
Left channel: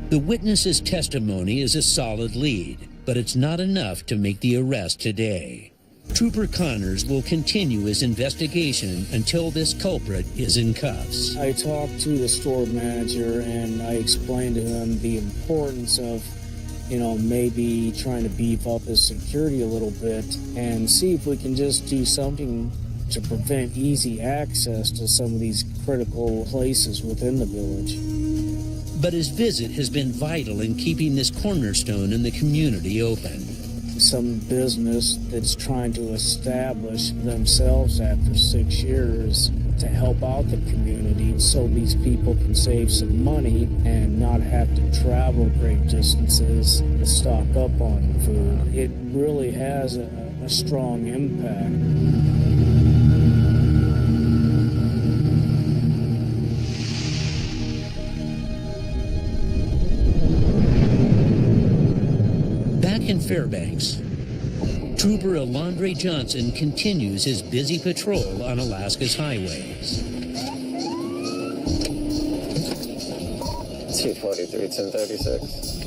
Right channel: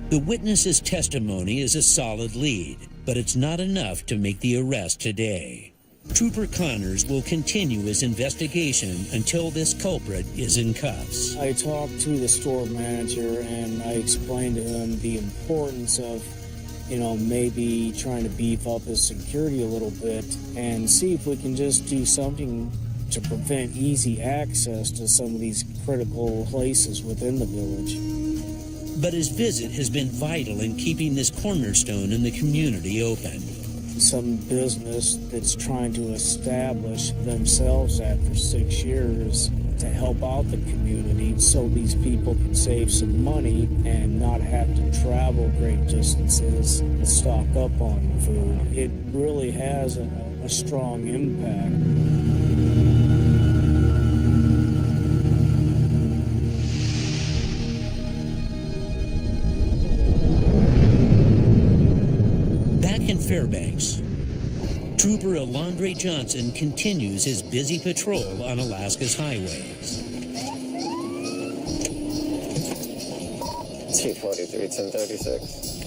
The witness's testimony is a solid lead, but it's not enough to make the arrest today. Trooper Connors will continue his investigation until this culprit is in cuffs. I talked to the store manager and I explained to him the importance of, maybe trying to beef up his security a little bit and see if we can just do something to prevent easy access to some of these critical places within the village. But his visit has been vital in keeping this cornerstone in the community open. Some business that's trying to establish themselves after 6 years to help out the community so these people can save some money and not have to travel great distances to stock up on food. It really has a strong impact. Back in Fairbanks, Trooper Alondre Johnson continues his busy patrol on Alaska's highways. 243, 1036.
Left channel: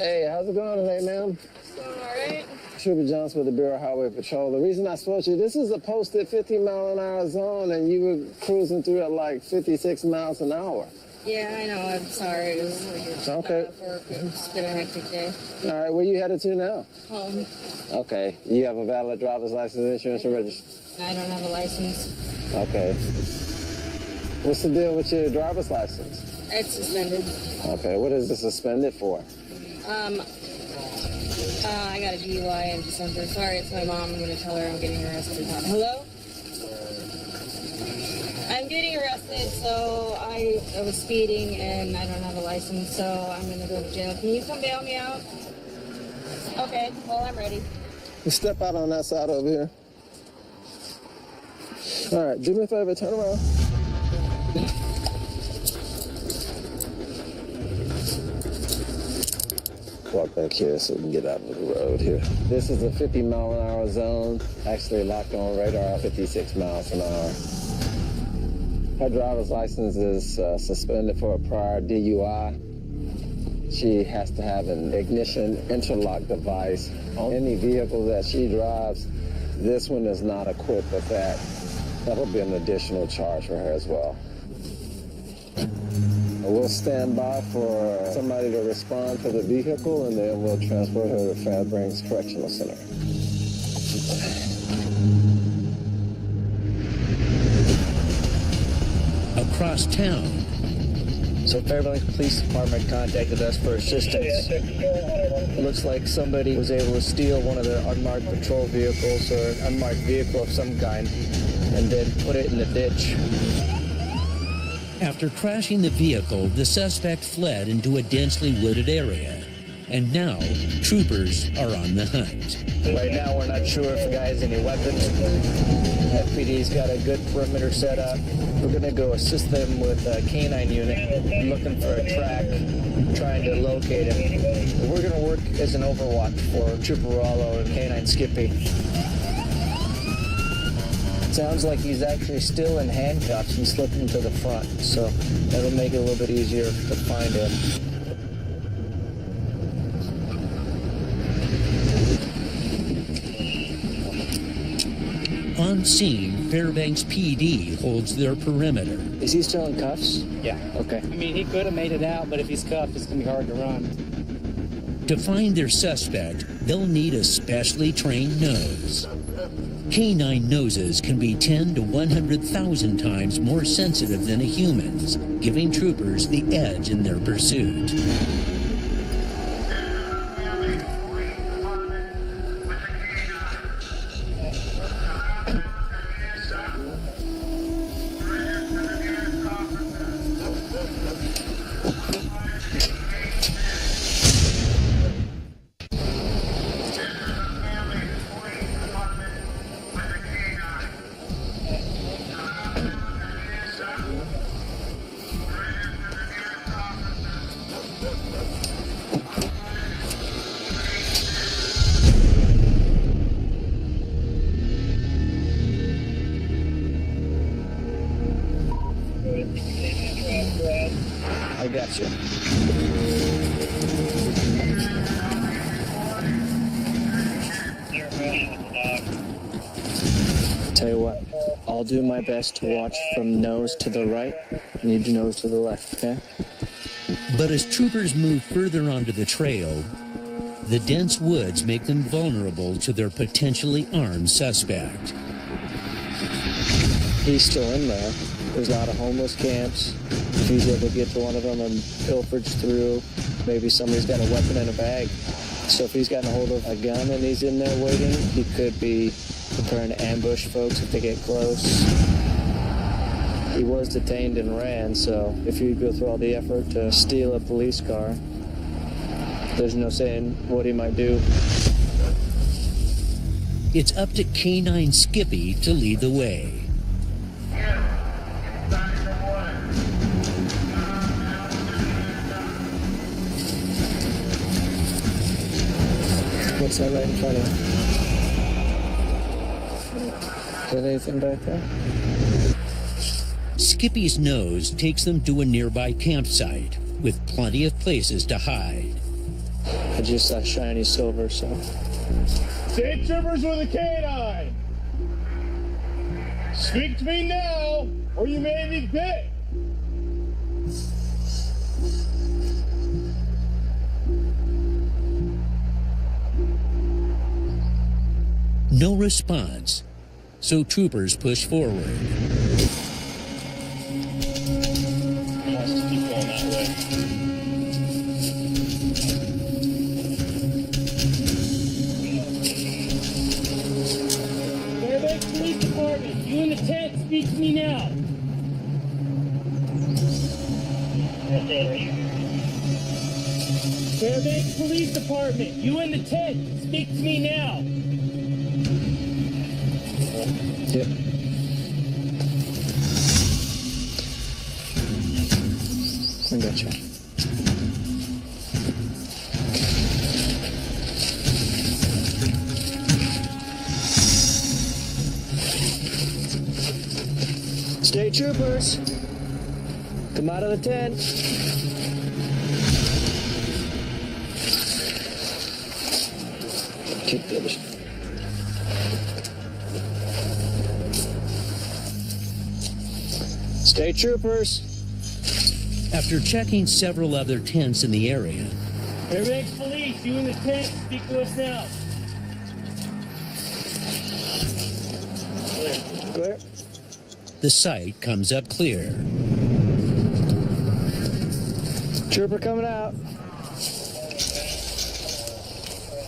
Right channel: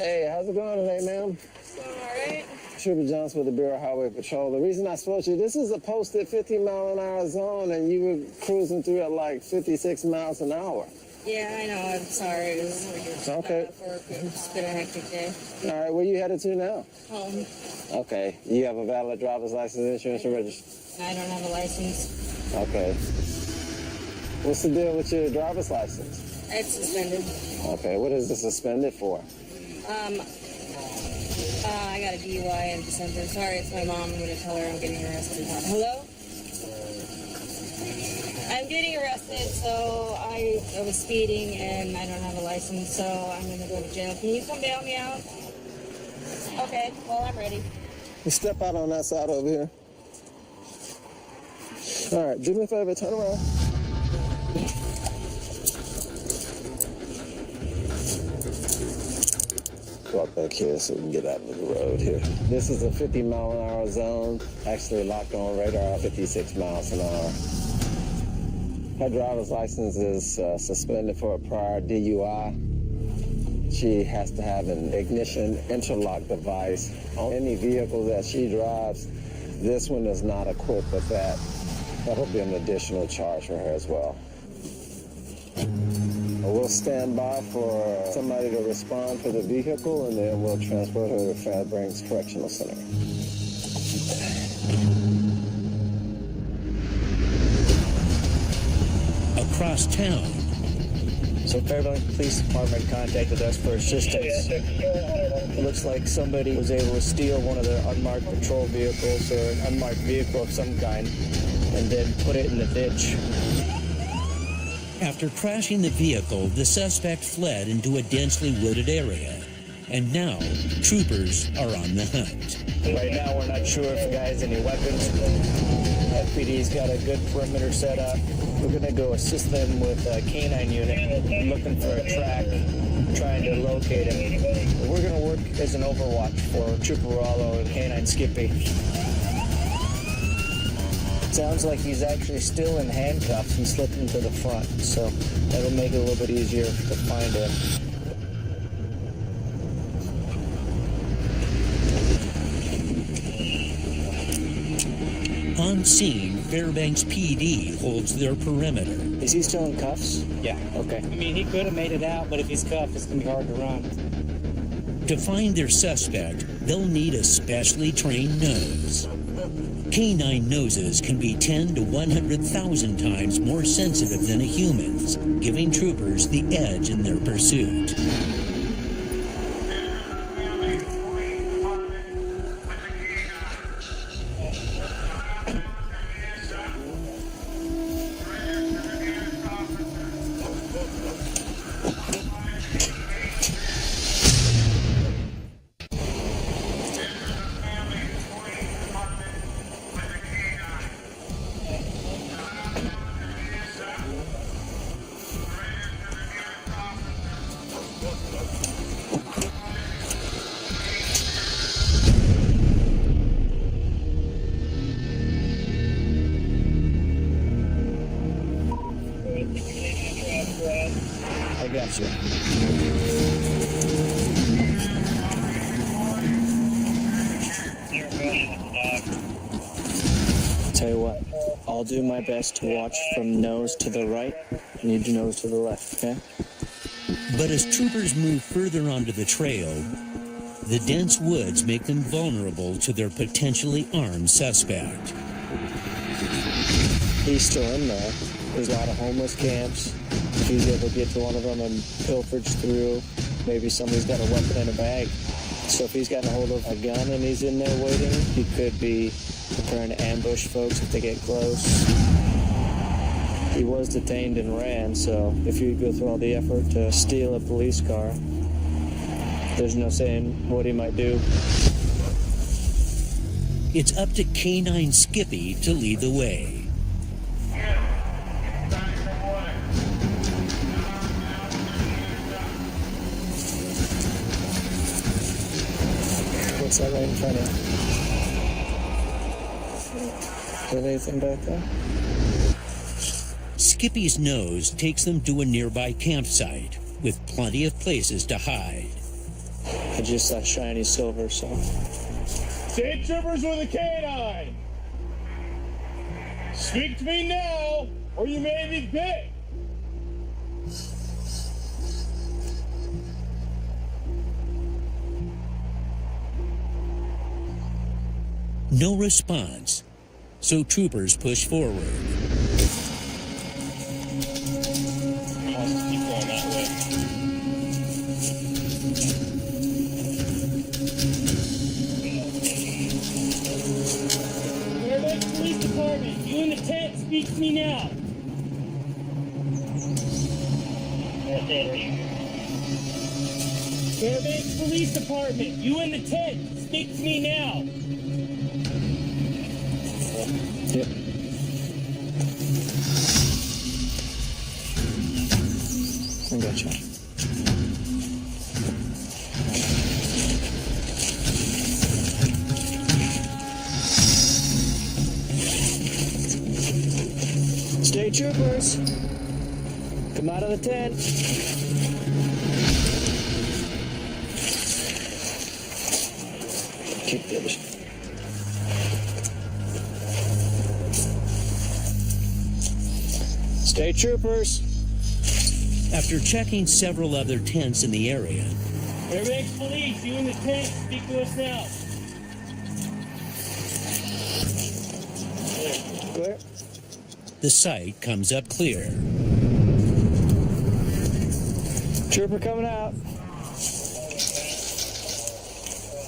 Hey, how's it going today, ma'am? Alright. Trooper Johnson with the Bureau of Highway Patrol. The reason I spoke to you, this is a posted 50-mile-an-hour zone, and you were cruising through at like 56 miles an hour. Yeah, I know. I'm sorry. It was Okay. work. It's been a hectic day. All right, where you headed to now? Home. Okay. You have a valid driver's license, insurance, and registration? I don't have a license. Okay. What's the deal with your driver's license? It's suspended. Okay, what is it suspended for? I got a DUI in December. Sorry, it's my mom. I'm going to tell her I'm getting arrested. Hello? I'm getting arrested, so I was speeding and I don't have a license, so I'm going to go to jail. Can you come bail me out? Okay, well, I'm ready. You step out on that side over here. All right, do me a favor, turn around. Walk back here so we can get out of the road here. This is a 50-mile-an-hour zone, actually locked on radar at 56 miles an hour. Her driver's license is suspended for a prior DUI. She has to have an ignition interlock device on any vehicle that she drives. This one is not equipped with that. That'll be an additional charge for her as well. We'll stand by for somebody to respond to the vehicle, and then we'll transport her to Fairbanks Correctional Center. Across town. So Fairbanks Police Department contacted us for assistance. It looks like somebody was able to steal one of their unmarked patrol vehicles or an unmarked vehicle of some kind and then put it in the ditch. After crashing the vehicle, the suspect fled into a densely wooded area. And now, troopers are on the hunt. Right now, we're not sure if the guy has any weapons. FPD's got a good perimeter set up. We're going to go assist them with a canine unit, looking for a track, trying to locate him. We're going to work as an overwatch for Trooper Rollo and Canine Skippy. Sounds like he's actually still in handcuffs and slipping to the front, so that'll make it a little bit easier to find him. On scene, Fairbanks PD holds their perimeter. Is he still in cuffs? Yeah. Okay. I mean, he could have made it out, but if he's cuffed, it's going to be hard to run. To find their suspect, they'll need a specially trained nose. Canine noses can be 10 to 100,000 times more sensitive than a human's, giving troopers the edge in their pursuit. I got you. Tell you what, I'll do my best to watch from nose to the right and you do nose to the left, okay? But as troopers move further onto the trail, the dense woods make them vulnerable to their potentially armed suspect. He's still in there. There's a lot of homeless camps. If he's able to get to one of them and pilferage through, maybe somebody's got a weapon in a bag. So if he's gotten a hold of a gun and he's in there waiting, he could be preparing to ambush folks if they get close. He was detained and ran, so if you go through all the effort to steal a police car, there's no saying what he might do. It's up to K9 Skippy to lead the way. What's that right in front of you? Is there anything back there? Skippy's nose takes them to a nearby campsite with plenty of places to hide. I just saw shiny silver, so. State troopers with a canine! Speak to me now, or you may be bit! No response, so troopers push forward. Let's just keep going that way. Fairbanks Police Department, you in the tent, speak to me now. Fairbanks Police Department, you in the tent, speak to me now. Yep. I got you. State troopers, come out of the tent. Keep the others. State troopers. After checking several other tents in the area, Fairbanks Police, you in the tent, speak to us now. Clear. the site comes up clear. Trooper coming out.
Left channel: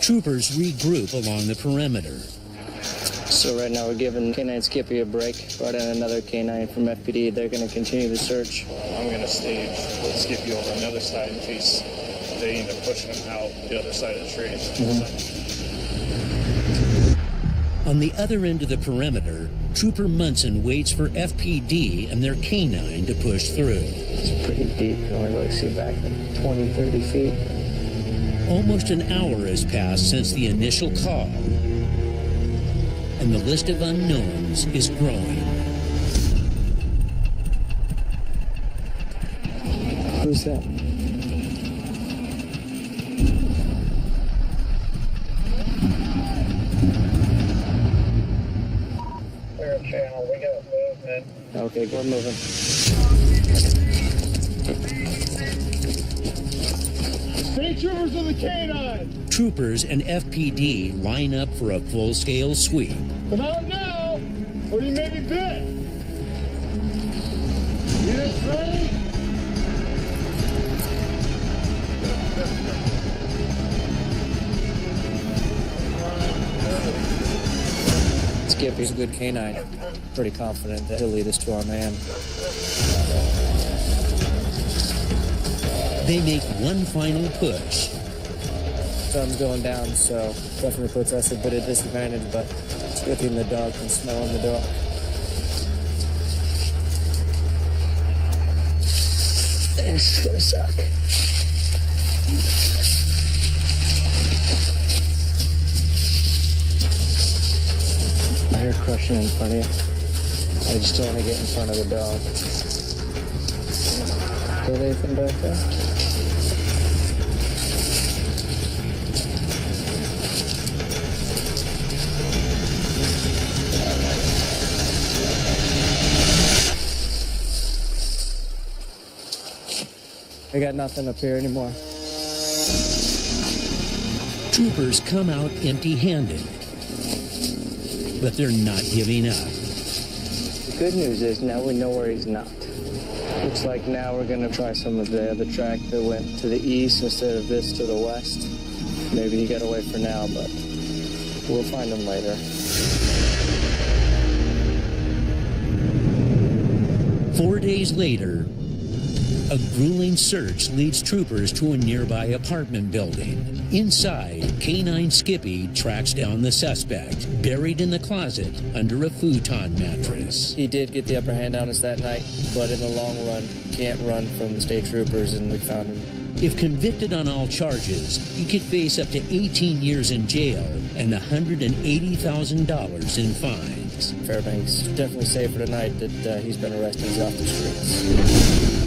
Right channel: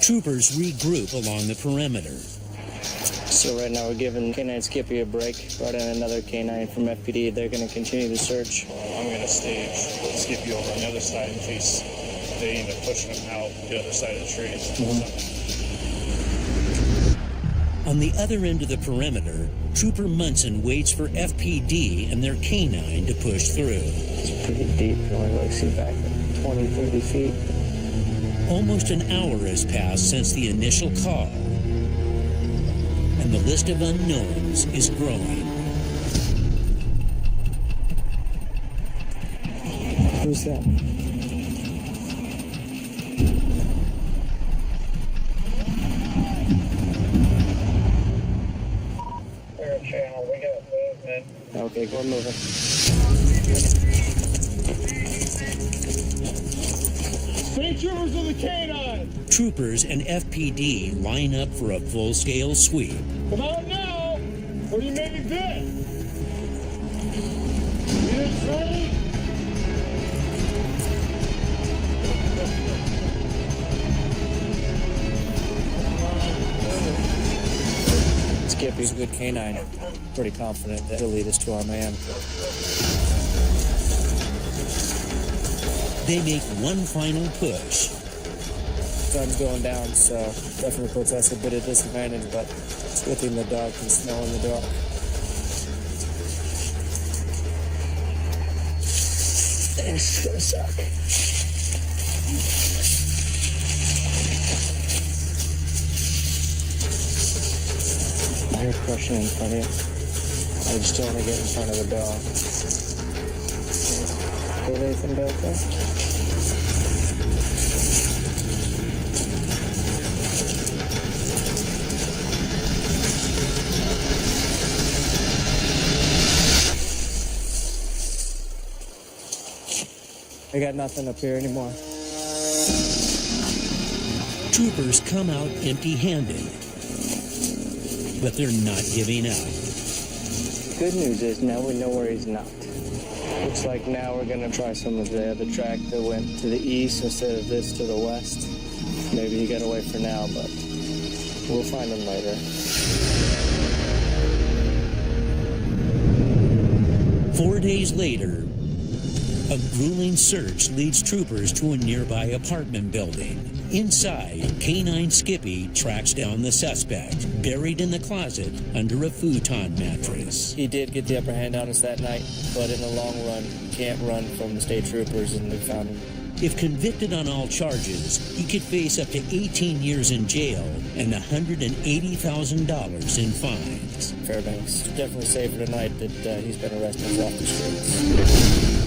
Troopers regroup along the perimeter. So right now we're giving K9 Skippy a break. Brought in another K9 from FPD. They're going to continue the search. I'm going to stage Skippy over on the other side in case they end up pushing him out the other side of the trees. On the other end of the perimeter, Trooper Munson waits for FPD and their K9 to push through. It's pretty deep. You can only really see back like 20, 30 feet. Almost an hour has passed since the initial call, and the list of unknowns is growing. Who's that? Clear channel, we got movement. Okay, we're moving. State troopers of the K9! Troopers and FPD line up for a full-scale sweep. Come out now, or you may be bit! Units ready? Skippy's a good K9. Pretty confident that he'll lead us to our man. They make one final push. Sun's going down, so definitely puts us a bit of disadvantage, but it's a good thing the dog can smell in the dark. This is gonna suck. I hear crushing in front of you. I just don't want to get in front of the dog. Got anything back there? I got nothing up here anymore. Troopers come out empty-handed, but they're not giving up. The good news is now we know where he's not. Looks like now we're going to try some of the other track that went to the east instead of this to the west. Maybe he got away for now, but we'll find him later. 4 days later, a grueling search leads troopers to a nearby apartment building. Inside, K-9 Skippy tracks down the suspect, buried in the closet under a futon mattress. He did get the upper hand on us that night, but in the long run, you can't run from the state troopers, and we found him. If convicted on all charges, he could face up to 18 years in jail and $180,000 in fines. Fairbanks definitely safer tonight that he's been arrested. He's off the streets.